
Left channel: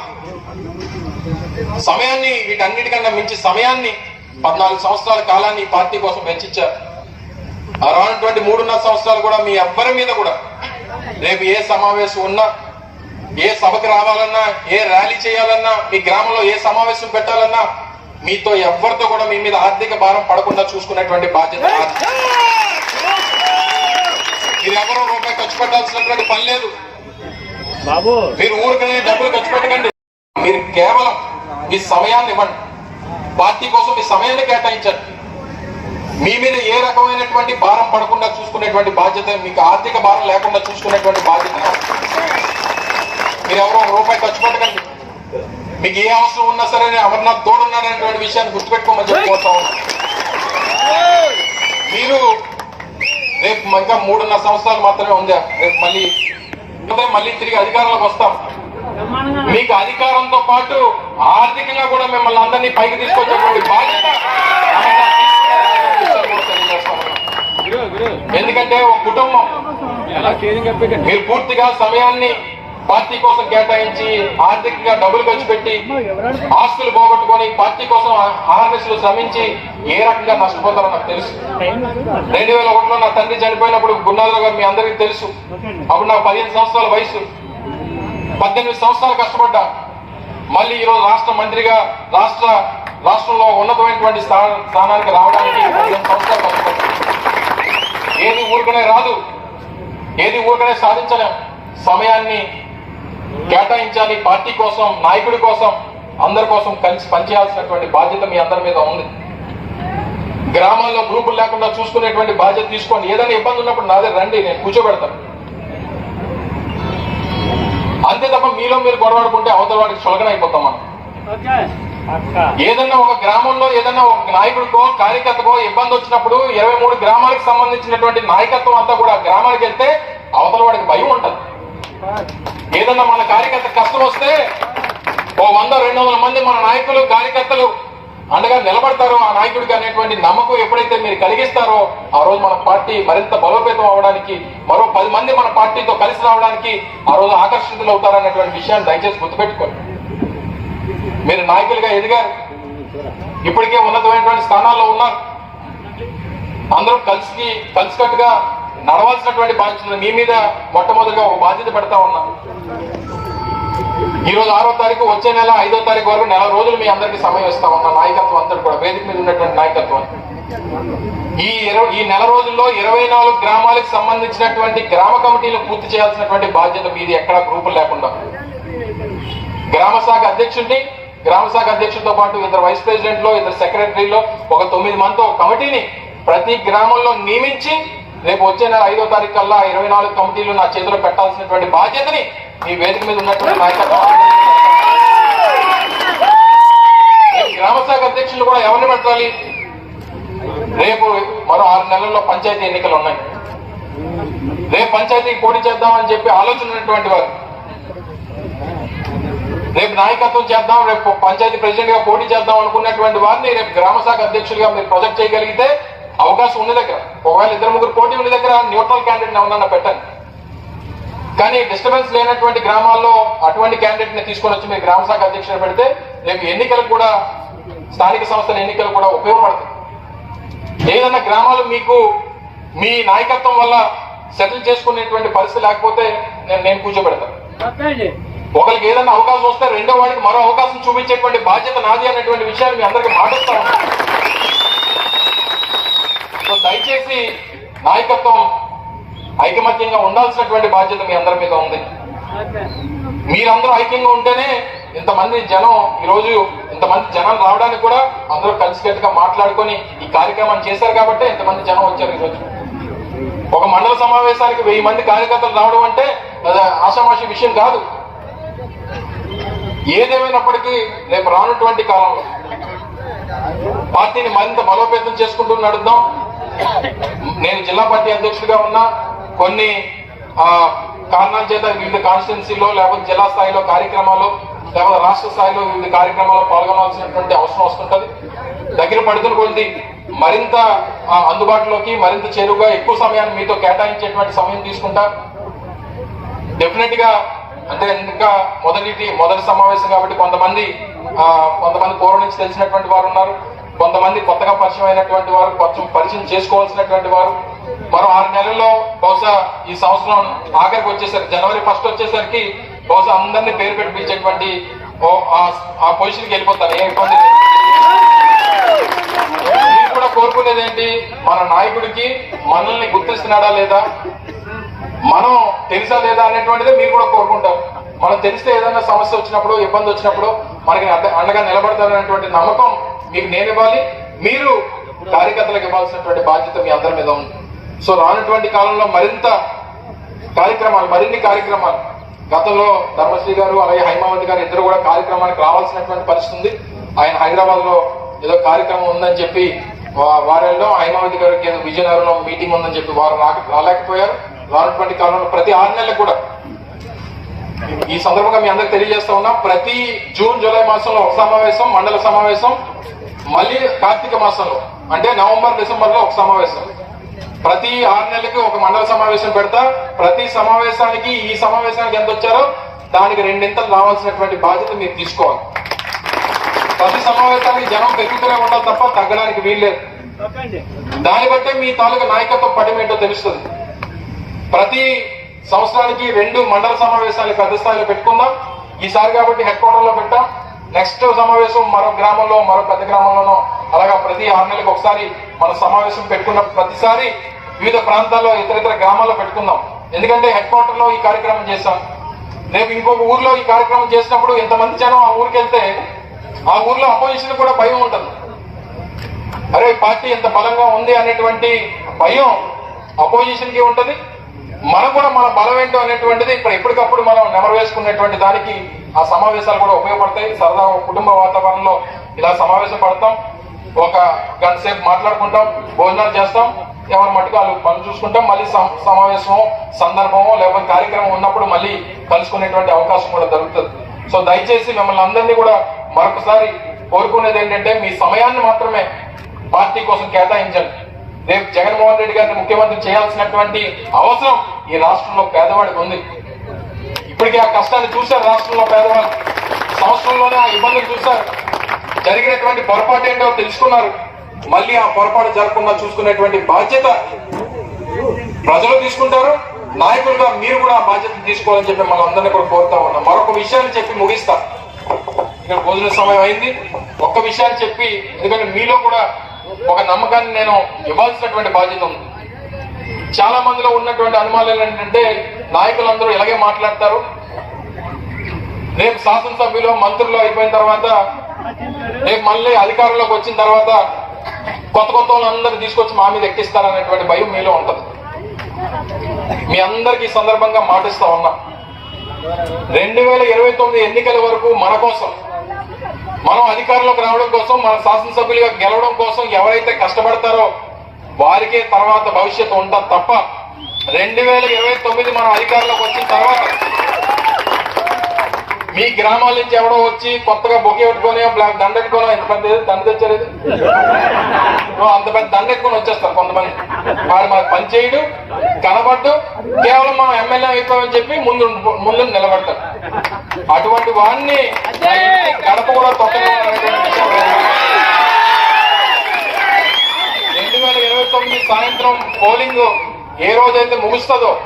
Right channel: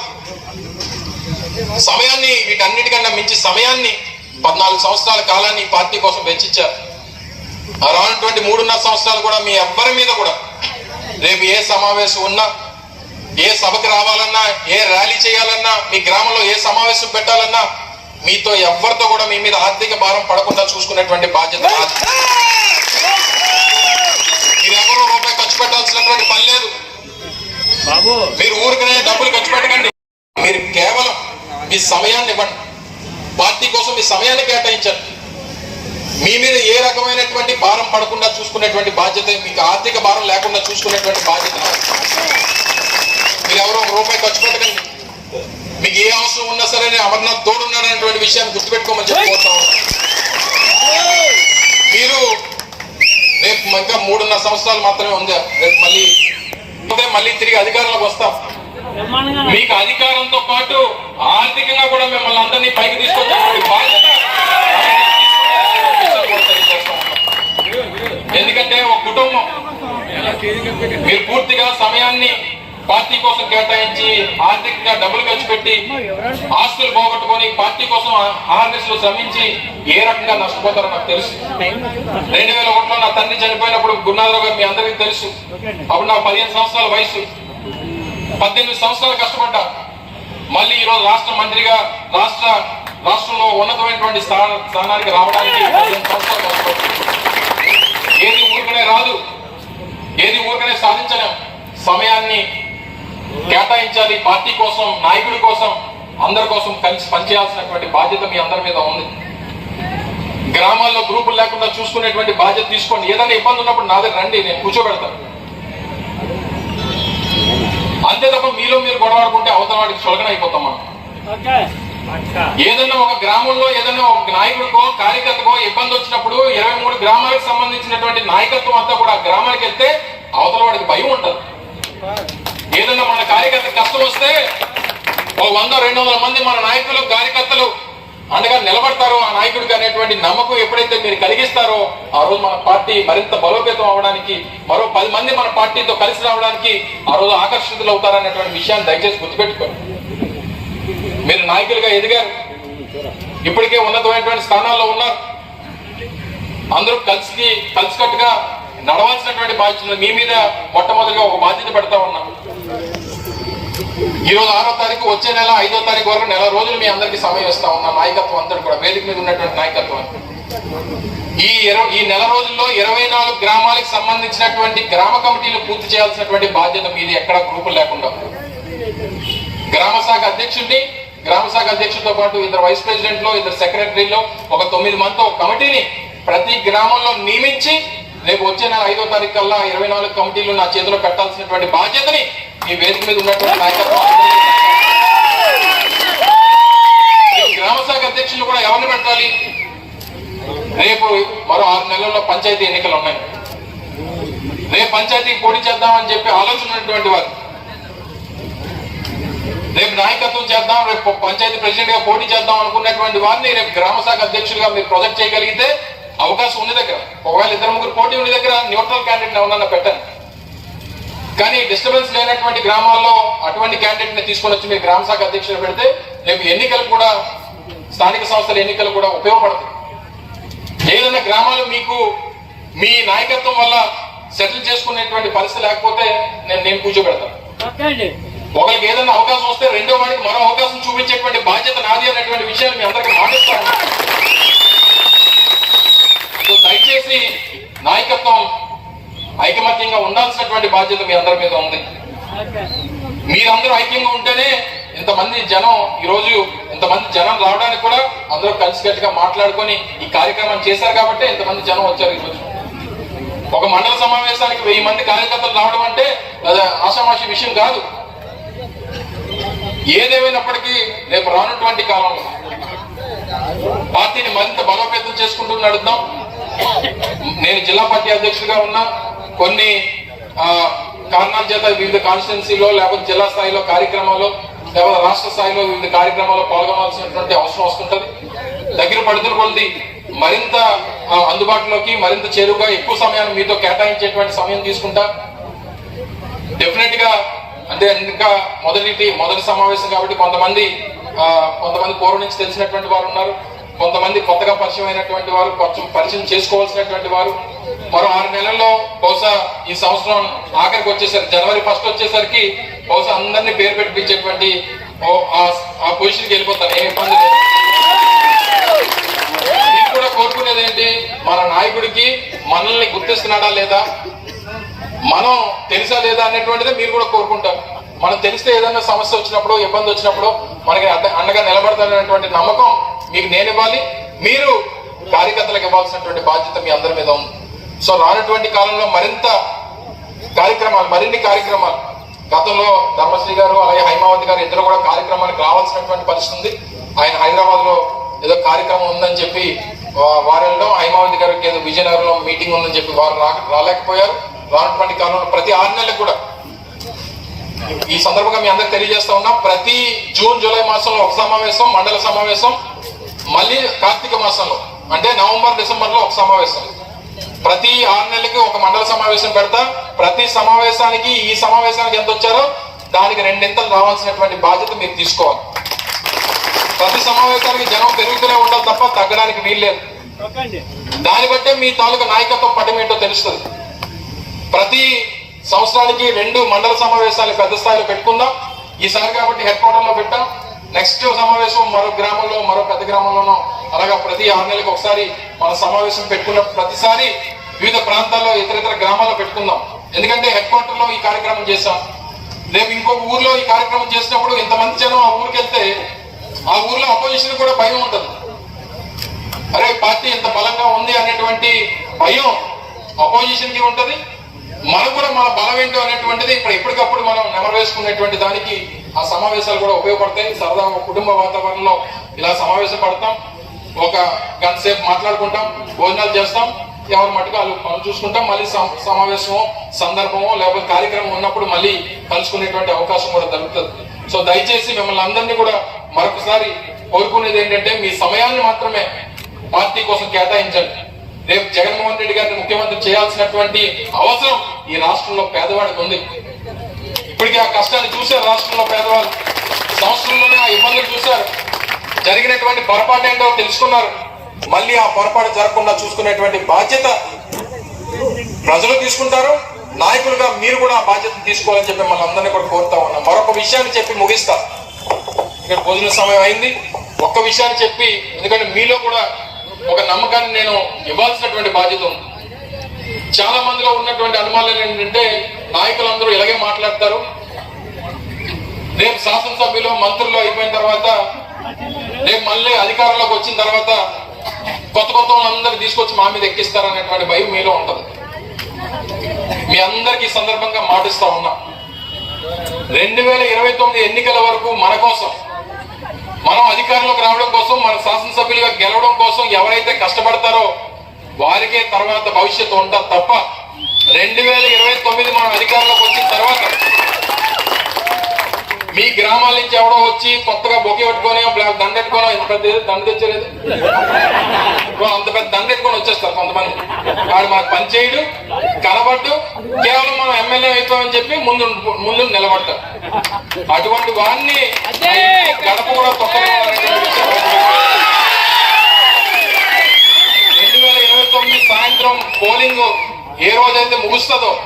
సమయాన్ని వీటన్నిటికన్నా మించి సమయాన్ని పద్నాలుగు సంవత్సరాల కాలాన్ని పార్టీ కోసం వెచ్చించారు. ఆ రానటువంటి మూడున్నర సంవత్సరాలు కూడా మీ ఎవ్వరి మీద కూడా రేపు ఏ సమావేశం ఉన్నా ఏ సభకు రావాలన్నా ఏ ర్యాలీ చేయాలన్నా మీ గ్రామంలో ఏ సమావేశం పెట్టాలన్నా మీతో ఎవరితో కూడా మీ మీద ఆర్థిక భారం పడకుండా చూసుకునేటువంటి బాధ్యత నాది. మీరు ఎవరు రూపాయి ఖర్చు పెట్టాల్సినటువంటి పని లేదు. మీరు ఊరికనే డబ్బులు ఖర్చు పెట్టకండి. మీరు కేవలం మీ సమయాన్ని ఇవ్వండి. పార్టీ కోసం మీ సమయాన్ని కేటాయించండి. మీ మీద ఏ రకమైనటువంటి భారం పడకుండా చూసుకునేటువంటి బాధ్యత మీకు ఆర్థిక భారం లేకుండా చూసుకునేటువంటి బాధ్యత మీరు ఎవరో ఒక రూపాయి ఖర్చు పెట్టకండి. మీకు ఏ అవసరం ఉన్నా సరే నేను అమర్నాథ్ తోడున్నాననేటువంటి విషయాన్ని గుర్తుపెట్టుకోమని చెప్పి కోరుతా మీరు రేపు ఇంకా మూడున్నర సంవత్సరాలు మాత్రమే ఉంది? రేపు మళ్ళీ అంటే మళ్ళీ తిరిగి అధికారంలోకి వస్తాం. మీకు అధికారంతో పాటు ఆర్థికంగా కూడా మిమ్మల్ని అందరినీ పైకి తీసుకొచ్చేటువంటి బాధ్యత అమర్నాథ్ తీసుకున్నారనేటువంటి విషయాన్ని కూడా తెలియజేస్తా ఉన్నాం. ఎందుకంటే ఒక కుటుంబం. మీరు పూర్తిగా సమయాన్ని పార్టీ కోసం కేటాయించి ఆర్థికంగా డబ్బులు ఖర్చు పెట్టి ఆస్తులు పోగొట్టుకొని పార్టీ కోసం ఆర్ఎస్లో శ్రమించి ఏ రకంగా నష్టపోతారో నాకు తెలుసు. రెండు వేల ఒకటిలో నా తండ్రి చనిపోయినప్పుడు గున్నారావు గారు మీ అందరికీ తెలుసు. అప్పుడు నా పదిహేను సంవత్సరాల వయసు. పద్దెనిమిది సంవత్సరాలు కష్టపడ్డా. మళ్ళీ ఈరోజు రాష్ట్ర మంత్రిగా రాష్ట్ర రాష్ట్రంలో ఉన్నతమైనటువంటి స్థా- స్థానానికి రావడానికి పదిహేను సంవత్సరాలు కష్టపడ్డా. ఏది ఊరికనే రాదు. ఏది ఊరికనే సాధించలేం. సమయాన్ని కేటాయించాలి పార్టీ కోసం నాయకుడి కోసం అందరి కోసం కలిసి పనిచేయాల్సినటువంటి బాధ్యత మీ అందరి మీద ఉంది. గ్రామాల్లో గ్రూపులు లేకుండా చూసుకునేటువంటి బాధ్యత తీసుకోండి. ఏదైనా ఇబ్బంది ఉన్నప్పుడు నా దగ్గర రండి నేను కూర్చోబెడతాను అంతే తప్ప మీలో మీరు గొడవడుకుంటే అవతల వాడికి చులకన అయిపోతాం మనం. ఏదన్నా ఒక గ్రామంలో ఏదన్నా ఒక నాయకుడికో కార్యకర్తకో ఇబ్బంది వచ్చినప్పుడు ఇరవై మూడు గ్రామాలకు సంబంధించినటువంటి నాయకత్వం అంతా కూడా గ్రామాలకు గ్రామానికి వెళ్తే అవతల వాడికి భయం ఉంటది. ఏదన్నా మన కార్యకర్త కష్టం వస్తే ఓ వంద రెండు వందల మంది మన నాయకులు కార్యకర్తలు అండగా నిలబడతారో ఆ నాయకుడికి అనేటువంటి నమ్మకం ఎప్పుడైతే మీరు కలిగిస్తారో ఆ రోజు మన పార్టీ మరింత బలోపేతం అవడానికి మరో పది మంది మన పార్టీతో కలిసి రావడానికి ఆ రోజు ఆకర్షితులు అవుతారనేటువంటి విషయాన్ని దయచేసి గుర్తుపెట్టుకోండి. మీరు నాయకులుగా ఎదిగారు. ఇప్పటికే ఉన్నతమైనటువంటి స్థానాల్లో ఉన్నారు. అందరూ కలిసి కలిసికట్టుగా నడవాల్సినటువంటి బాధ్యత మీ మీద మొట్టమొదటిగా ఒక బాధ్యత పెడతా ఉన్నాను ఈ రోజు ఆరో తారీఖు వచ్చే నెల ఐదో తారీఖు వరకు నెల రోజులు మీ అందరికీ సమయం ఇస్తా ఉన్నా. నాయకత్వం అంతా కూడా వేదిక మీద ఉన్నటువంటి నాయకత్వం ఈ ఇరవై ఈ నెల రోజుల్లో ఇరవై నాలుగు గ్రామాలకు సంబంధించినటువంటి గ్రామ కమిటీలు పూర్తి చేయాల్సినటువంటి బాధ్యత మీది ఎక్కడా గ్రూపులు లేకుండా. గ్రామ శాఖ అధ్యక్షుడిని గ్రామ శాఖ అధ్యక్షుడితో పాటు ఇద్దరు వైస్ ప్రెసిడెంట్లో ఇద్దరు సెక్రటరీలో ఒక తొమ్మిది మంది ఒక కమిటీని ప్రతి గ్రామంలో నియమించి రేపు వచ్చే నెల ఐదో తారీఖు కల్లా ఇరవై నాలుగు కమిటీలు నా చేతిలో పెట్టాల్సినటువంటి బాధ్యతని ఈ వేదిక మీద ఉన్నటువంటి నాయకత్వం గ్రామ శాఖ అధ్యక్షులు కూడా ఎవరిని పెట్టాలి? రేపు మరో ఆరు నెలల్లో పంచాయతీ ఎన్నికలు ఉన్నాయి. రేపు పంచాయతీకి పోటీ చేద్దామని చెప్పి ఆలోచన ఉన్నటువంటి వారు. రేపు నాయకత్వం చేద్దాం రేపు పంచాయతీ ప్రెసిడెంట్గా పోటీ చేద్దాం అనుకున్నటువంటి వారిని రేపు గ్రామ శాఖ అధ్యక్షులుగా మీరు ప్రొజెక్ట్ చేయగలిగితే అవకాశం ఉన్న దగ్గర. ఒకవేళ ఇద్దరు ముగ్గురు పోటీ ఉన్న దగ్గర న్యూట్రల్ క్యాండిడేట్ ఎవరన్నా పెట్టండి. కానీ డిస్టర్బెన్స్ లేనటువంటి గ్రామాల్లో అటువంటి క్యాండిడేట్ని తీసుకొని వచ్చి మీరు గ్రామ శాఖ అధ్యక్షులు పెడితే రేపు ఎన్నికలు కూడా స్థానిక సంస్థల ఎన్నికలు కూడా ఉపయోగపడతాయి. ఏదన్నా గ్రామాలు మీకు మీ నాయకత్వం వల్ల సెటిల్ చేసుకునేటువంటి పరిస్థితి లేకపోతే నేను నేను కూర్చోబెడతాను. ఒకరికి ఏదైనా అవకాశం వస్తే రెండో వాడికి మరో అవకాశం చూపించేటువంటి బాధ్యత నాది అనేటువంటి విషయాలు మీ అందరికీ మాటిస్తా సో దయచేసి నాయకత్వం ఐకమత్యంగా ఉండాల్సినటువంటి బాధ్యత మీ అందరి మీద ఉంది. మీరందరూ ఐక్యంగా ఉంటేనే ఇంతమంది జనం ఈ రోజు ఇంతమంది జనం రావడానికి కూడా అందరూ కలిసికట్టుగా మాట్లాడుకొని ఈ కార్యక్రమం చేశారు కాబట్టి ఇంతమంది జనం వచ్చారు ఈరోజు. ఒక మండల సమావేశానికి వెయ్యి మంది కార్యకర్తలు రావడం అంటే ఆషామాషి విషయం కాదు. ఏదేమైనప్పటికీ రేపు రానటువంటి కాలంలో పార్టీని మరింత బలోపేతం చేసుకుంటూ నడుద్దాం నేను జిల్లా పార్టీ అధ్యక్షుడిగా ఉన్నా. కొన్ని కారణాల చేత వివిధ కాన్స్టిట్యున్సీలో లేకపోతే జిల్లా స్థాయిలో కార్యక్రమాల్లో లేకపోతే రాష్ట్ర స్థాయిలో వివిధ కార్యక్రమాల్లో పాల్గొనాల్సినటువంటి అవసరం వస్తుంటది. దగ్గర పడుతున్న కొద్ది మరింత అందుబాటులోకి మరింత చేరువుగా ఎక్కువ సమయాన్ని మీతో కేటాయించేటువంటి సమయం తీసుకుంటా. డెఫినెట్గా అంటే ఇంకా మొదటి మొదటి సమావేశం కాబట్టి కొంతమంది కొంతమంది పూర్వం నుంచి తెలిసినటువంటి వారు ఉన్నారు. కొంతమంది కొత్తగా పరిచయం అయినటువంటి వారు కొంచెం పరిచయం చేసుకోవాల్సినటువంటి వారు. మరో ఆరు నెలల్లో బహుశా ఈ సంవత్సరం ఆఖరికి వచ్చేసరికి జనవరి ఫస్ట్ వచ్చేసరికి బహుశా అందరినీ పేరు పెట్టించేటువంటి ఆ- పొజిషన్కి వెళ్ళిపోతారు. ఏ ఇబ్బంది లేదు. మీరు కూడా కోరుకునేది ఏంటి? మన నాయకుడికి మనల్ని గుర్తిస్తున్నాడా లేదా? మనం తెలుసా లేదా అనేటువంటిది మీరు కూడా కోరుకుంటారు. మనం తెలిస్తే ఏదైనా సమస్య వచ్చినప్పుడు ఇబ్బంది వచ్చినప్పుడు మనకి అండగా నిలబడతారనేటువంటి నమ్మకం మీకు నేను ఇవ్వాలి. మీరు కార్యకర్తలకు ఇవ్వాల్సినటువంటి బాధ్యత మీ అందరి మీద ఉంది. సో రానటువంటి కాలంలో మరింత కార్యక్రమాలు మరిన్ని కార్యక్రమాలు. గతంలో ధర్మశ్రీ గారు అలాగే హైమావతి గారు ఇద్దరు కూడా కార్యక్రమానికి రావాల్సినటువంటి పరిస్థితి ఉంది. ఆయన హైదరాబాద్లో ఏదో కార్యక్రమం ఉందని చెప్పి వా- వారెల్లో హైమావతి గారికి ఏదో విజయనగరంలో మీటింగ్ ఉందని చెప్పి వారు రా- రాలేకపోయారు. రానటువంటి కాలంలో ప్రతి ఆరు నెలలకు కూడా. ఈ సందర్భంగా మీ అందరికి తెలియజేస్తా ఉన్నా ప్రతి జూన్ జూలై మాసంలో ఒక సమావేశం మండల సమావేశం మళ్ళీ కార్తీక మాసంలో అంటే నవంబర్ డిసెంబర్లో ఒక సమావేశం. ప్రతి ఆరు నెలలకి ఒక మండల సమావేశం పెడతా ప్రతి సమావేశానికి ఈ సమావేశానికి ఎంత వచ్చారో దానికి రెండింతలు రావాల్సినటువంటి బాధ్యత మీరు తీసుకోవాలి. ప్రతి సమావేశానికి జనం పెరుగుతూనే ఉండాలి తప్ప తగ్గడానికి వీల్లేదు. దాన్ని బట్టే మీ తాలూకా నాయకత్వం పటం ఏంటో తెలుస్తుంది. ప్రతి సంవత్సరానికి రెండు మండల సమావేశాలు పెద్ద స్థాయిలో పెట్టుకుందాం. ఈసారి కాబట్టి హెడ్ క్వార్టర్లో పెట్టాం. నెక్స్ట్ సమావేశం మరో గ్రామంలో మరో పెద్ద గ్రామంలోనో అలాగా ప్రతి ఆరు నెలలకు ఒకసారి మన సమావేశం పెట్టుకున్న ప్రతిసారి వివిధ ప్రాంతాల్లో ఇతర ఇతర గ్రామాల్లో పెట్టుకుందాం. ఎందుకంటే హెడ్ క్వార్టర్లో ఈ కార్యక్రమం చేస్తాం రేపు ఇంకొక ఊర్లో ఈ కార్యక్రమం చేసినప్పుడు ఇంతమంది జనం ఆ ఊరికి వెళ్తే ఆ ఊర్లో అపోజిషన్ కూడా భయం ఉంటుంది. అరే పార్టీ ఎంత బలంగా ఉంది అనేటువంటి భయం అపోజిషన్కి ఉంటుంది. మనకు కూడా మన బలం ఏంటో అనేటువంటిది ఇక్కడ ఎప్పటికప్పుడు మనం నెమరు వేసుకునేటువంటి దానికి ఆ సమావేశాలు కూడా ఉపయోగపడతాయి. సరదా కుటుంబ వాతావరణంలో ఇలా సమావేశం పడతాం ఒక గంట సేపు మాట్లాడుకుంటాం. భోజనాలు చేస్తాం. ఎవరి మటుకు వాళ్ళు మనం చూసుకుంటాం. మళ్ళీ సమావేశమో సందర్భమో లేకపోతే కార్యక్రమం ఉన్నప్పుడు మళ్ళీ కలుసుకునేటువంటి అవకాశం కూడా దొరుకుతుంది. సో దయచేసి మిమ్మల్ని అందరినీ కూడా మరొకసారి కోరుకునేది ఏంటంటే మీ సమయాన్ని మాత్రమే పార్టీ కోసం కేటాయించండి. రేపు జగన్మోహన్ రెడ్డి గారిని ముఖ్యమంత్రి చేయాల్సినటువంటి అవసరం ఈ రాష్ట్రంలో పేదవాడికి ఉంది. ఇప్పటికే ఆ కష్టాన్ని చూశారు రాష్ట్రంలో పేదవాళ్ళు. సంవత్సరంలోనే ఆ ఇబ్బందులు చూశారు. జరిగినటువంటి పొరపాటు ఏంటో తెలుసుకున్నారు. మళ్ళీ ఆ పొరపాటు జరగకుండా చూసుకునేటువంటి బాధ్యత ప్రజలు తీసుకుంటారు. నాయకులుగా మీరు కూడా ఆ బాధ్యతను తీసుకోవాలని చెప్పి మనందరినీ కూడా కోరుతా ఉన్నాం. మరొక విషయాన్ని చెప్పి ముగిస్తా. ఇక్కడ భోజన సమయం అయింది. ఒక్క విషయాన్ని చెప్పి ఎందుకంటే మీలో కూడా ఒక నమ్మకాన్ని నేను ఇవ్వాల్సినటువంటి బాధ్యత ఉంది. చాలా మందిలో ఉన్నటువంటి అనుమానాలు ఏంటంటే నాయకులందరూ ఇలాగే మాట్లాడతారు. రేపు శాసనసభ్యులు మంత్రులు అయిపోయిన తర్వాత రేపు మళ్ళీ అధికారంలోకి వచ్చిన తర్వాత కొత్త కొత్త అందరూ తీసుకొచ్చి మా మీద ఎక్కిస్తారనేటువంటి భయం మీలో ఉంటది. మీ అందరికి ఈ సందర్భంగా మాటిస్తా ఉన్నాం. రెండు వేల ఇరవై తొమ్మిది ఎన్నికల వరకు మన కోసం మనం అధికారంలోకి రావడం కోసం మన శాసనసభ్యులుగా గెలవడం కోసం ఎవరైతే కష్టపడతారో వారికే తర్వాత భవిష్యత్తు ఉంటుంది తప్ప రెండు వేల ఇరవై తొమ్మిది మనం అధికారంలోకి వచ్చిన తర్వాత మీ గ్రామాల నుంచి ఎవడో వచ్చి కొత్తగా బొకే పెట్టుకొని బ్లాక్ దండ పెట్టుకోనో ఎంత పెద్ద దండ తెచ్చారు అంత పెద్ద దండ పెట్టుకొని వచ్చేస్తారు కొంతమంది. వాడు మనకు పని చేయడు కనబడ్డు కేవలం మనం ఎమ్మెల్యే అవుతామని చెప్పి ముందు ముందు నిలబడతారు అటువంటి వాడిని గడప కూడా కొత్తగా రెండు వేల ఇరవై తొమ్మిది సాయంత్రం పోలింగ్ ఏ రోజైతే ముగుస్తుందో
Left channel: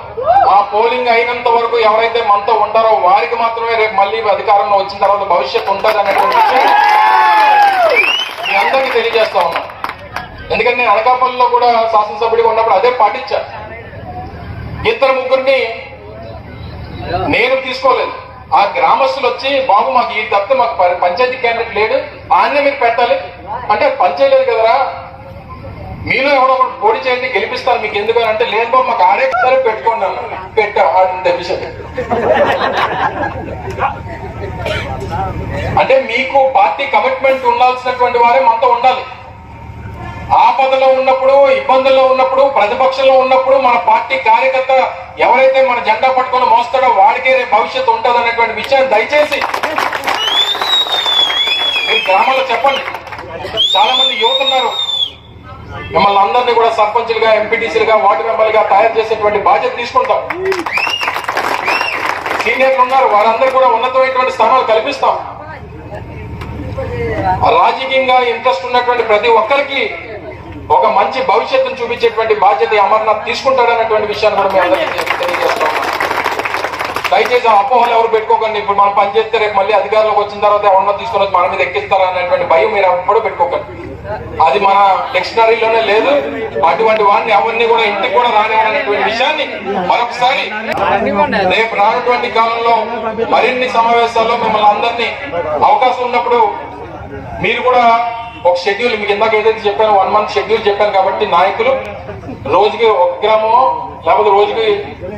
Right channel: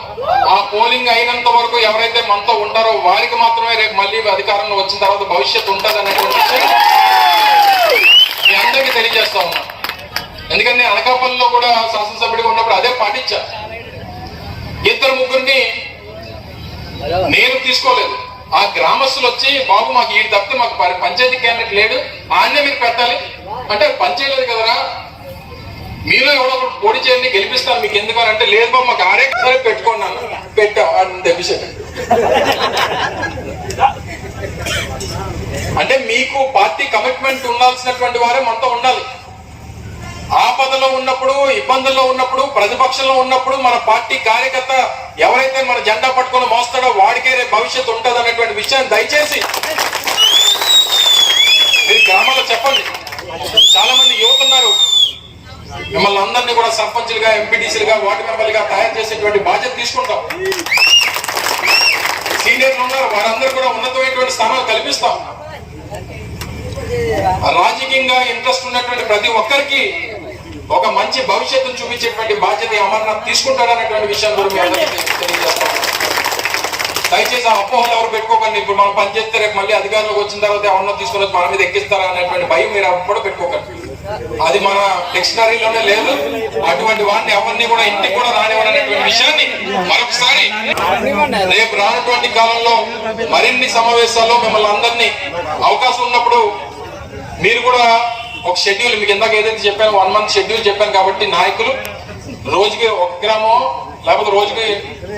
ఆ పోలింగ్ అయినంత వరకు ఎవరైతే మనతో ఉంటారో వారికి మాత్రమే రేపు మళ్ళీ అధికారంలో వచ్చిన తర్వాత భవిష్యత్తు ఉంటుంది అనేటువంటి మీ అందరికీ తెలియజేస్తా ఉన్నా. ఎందుకంటే నేను అనకాపల్లిలో కూడా శాసనసభ్యుడిగా ఉన్నప్పుడు అదే పాటించా. ఇద్దరు ముగ్గురిని నేను తీసుకోలేదు. ఆ గ్రామస్తులు వచ్చి బాబు మాకు ఈ తప్పితే మాకు ప- పంచాయతీ క్యాండిడేట్ లేడు. ఆయన్నే మీరు పెట్టాలి. అంటే పని కదరా. మీలో ఎవడో పోటీ చేయండి గెలిపిస్తాను. మీకు ఎందుకు అంటే లేదు బాబు మాకు ఆడే సరే పెట్టుకోండి అన్న. పెట్టాం అని అంటే మీకు పార్టీ కమిట్మెంట్ ఉండాల్సినటువంటి వారే మనతో ఉండాలి. ఆపదలో ఉన్నప్పుడు ఇబ్బందుల్లో ఉన్నప్పుడు ప్రతిపక్షంలో ఉన్నప్పుడు మన పార్టీ కార్యకర్త ఎవరైతే మన జెండా పట్టుకొని మోస్తాడో వాడికే రేపు భవిష్యత్తు ఉంటుంది అనేటువంటి విషయాన్ని దయచేసి మీరు గ్రామాల్లో చెప్పండి. చాలా మంది యువతున్నారు మిమ్మల్ని అందరినీ కూడా సర్పంచ్లుగా ఎంపీటీసీలుగా వార్డు మెంబర్లుగా తయారు చేసేటువంటి బాధ్యత తీసుకుంటాం. సీనియర్లు ఉన్నారు వారందరూ కూడా ఉన్నతమైనటువంటి స్థానాలు కల్పిస్తాం. రాజకీయంగా ఇంట్రెస్ట్ ఉన్నటువంటి ప్రతి ఒక్కరికి ఒక మంచి భవిష్యత్తును చూపించేటువంటి బాధ్యత అమర్నాథ్ తీసుకుంటాడన్నటువంటి విషయాన్ని మనం తెలియజేస్తాం. దయచేసి ఆ అపోహలు ఎవరు పెట్టుకోకండి. ఇప్పుడు మనం పనిచేస్తే రేపు మళ్ళీ అధికారంలోకి వచ్చిన తర్వాత ఎవరన్నా తీసుకొని వచ్చి మన మీద ఎక్కిస్తారా అనేటువంటి భయం మీరు ఎప్పుడు పెట్టుకోకండి. అది మన డిక్షనరీలోనే లేదు. అటువంటి వాడిని ఎవరిని కూడా ఇంటికి కూడా రానివ్వనటువంటి విషయాన్ని మరొకసారి రేపు రానటువంటి కాలంలో మరిన్ని సమావేశాల్లో మిమ్మల్ని అందరినీ అవకాశం ఉన్నప్పుడు మీరు కూడా ఒక షెడ్యూల్ మీకు ఇందాక ఏదైతే చెప్పాను వన్ మంత్ షెడ్యూల్ చెప్పాను కాబట్టి నాయకులు రోజుకి ఒక గ్రామం లేకపోతే రోజుకి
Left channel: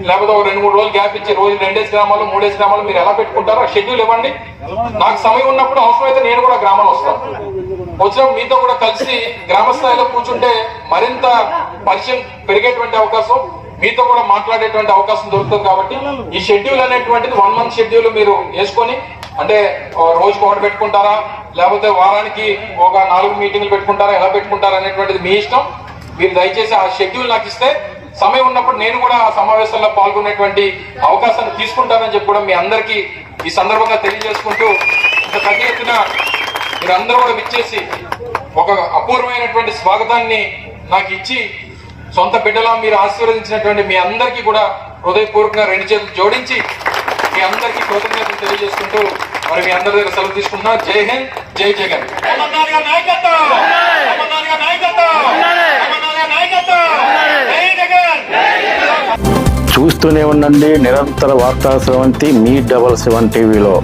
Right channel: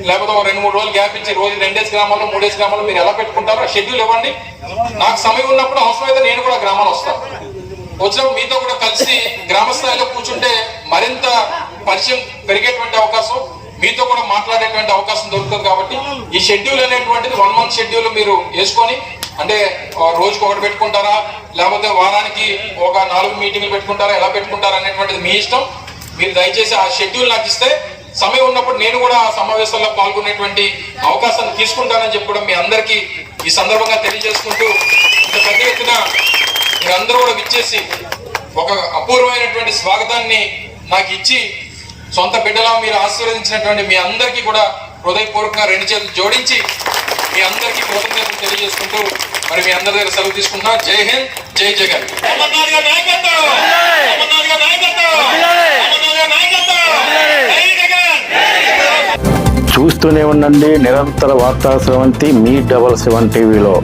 లేకపోతే ఒక రెండు మూడు రోజులు గ్యాప్ ఇచ్చి రోజు రెండేసి గ్రామాలు మూడేసి గ్రామాలు మీరు ఎలా పెట్టుకుంటారో షెడ్యూల్ ఇవ్వండి. నాకు సమయం ఉన్నప్పుడు అవసరమైతే నేను కూడా గ్రామాలు వస్తాను. వచ్చిన మీతో కూడా కలిసి గ్రామ స్థాయిలో కూర్చుంటే మరింత పరిచయం పెరిగేటువంటి అవకాశం మీతో కూడా మాట్లాడేటువంటి అవకాశం దొరుకుతుంది కాబట్టి ఈ షెడ్యూల్ అనేటువంటిది వన్ మంత్ షెడ్యూల్ మీరు వేసుకొని అంటే రోజుకు రోజుకి ఒకటి పెట్టుకుంటారా లేకపోతే వారానికి ఒక నాలుగు మీటింగ్లు పెట్టుకుంటారా ఎలా పెట్టుకుంటారా అనేటువంటిది మీ ఇష్టం. మీరు దయచేసి ఆ షెడ్యూల్ నాకు ఇస్తే సమయం ఉన్నప్పుడు నేను కూడా ఆ సమావేశంలో పాల్గొనేటువంటి అవకాశాన్ని తీసుకుంటానని చెప్పి కూడా మీ అందరికీ ఈ సందర్భంగా తెలియజేసుకుంటూ ఇంత పెద్ద ఎత్తున మీరందరూ కూడా విచ్చేసి ఒక అపూర్వమైనటువంటి స్వాగతాన్ని నాకు ఇచ్చి సొంత బిడ్డలా మీరు ఆశీర్వదించినటువంటి మీ అందరికీ కూడా హృదయపూర్వకంగా రెండు చేతులు జోడించి మీ అందరికీ కృతజ్ఞతలు తెలియజేసుకుంటూ మరి మీ అందరి దగ్గర సెలవు తీసుకుంటున్నా. జై హింద్ జై జగన్. అమర్నాథ్ గారి నాయకత్వం! అమర్నాథ్ గారి నాయకత్వం! అమర్నాథ్ గారి నాయకత్వం! జై జగన్! చూస్తూనే ఉండండి నిరంతర వార్తా స్రవంతి మీ డబల్ సెవెన్ టీవీలో.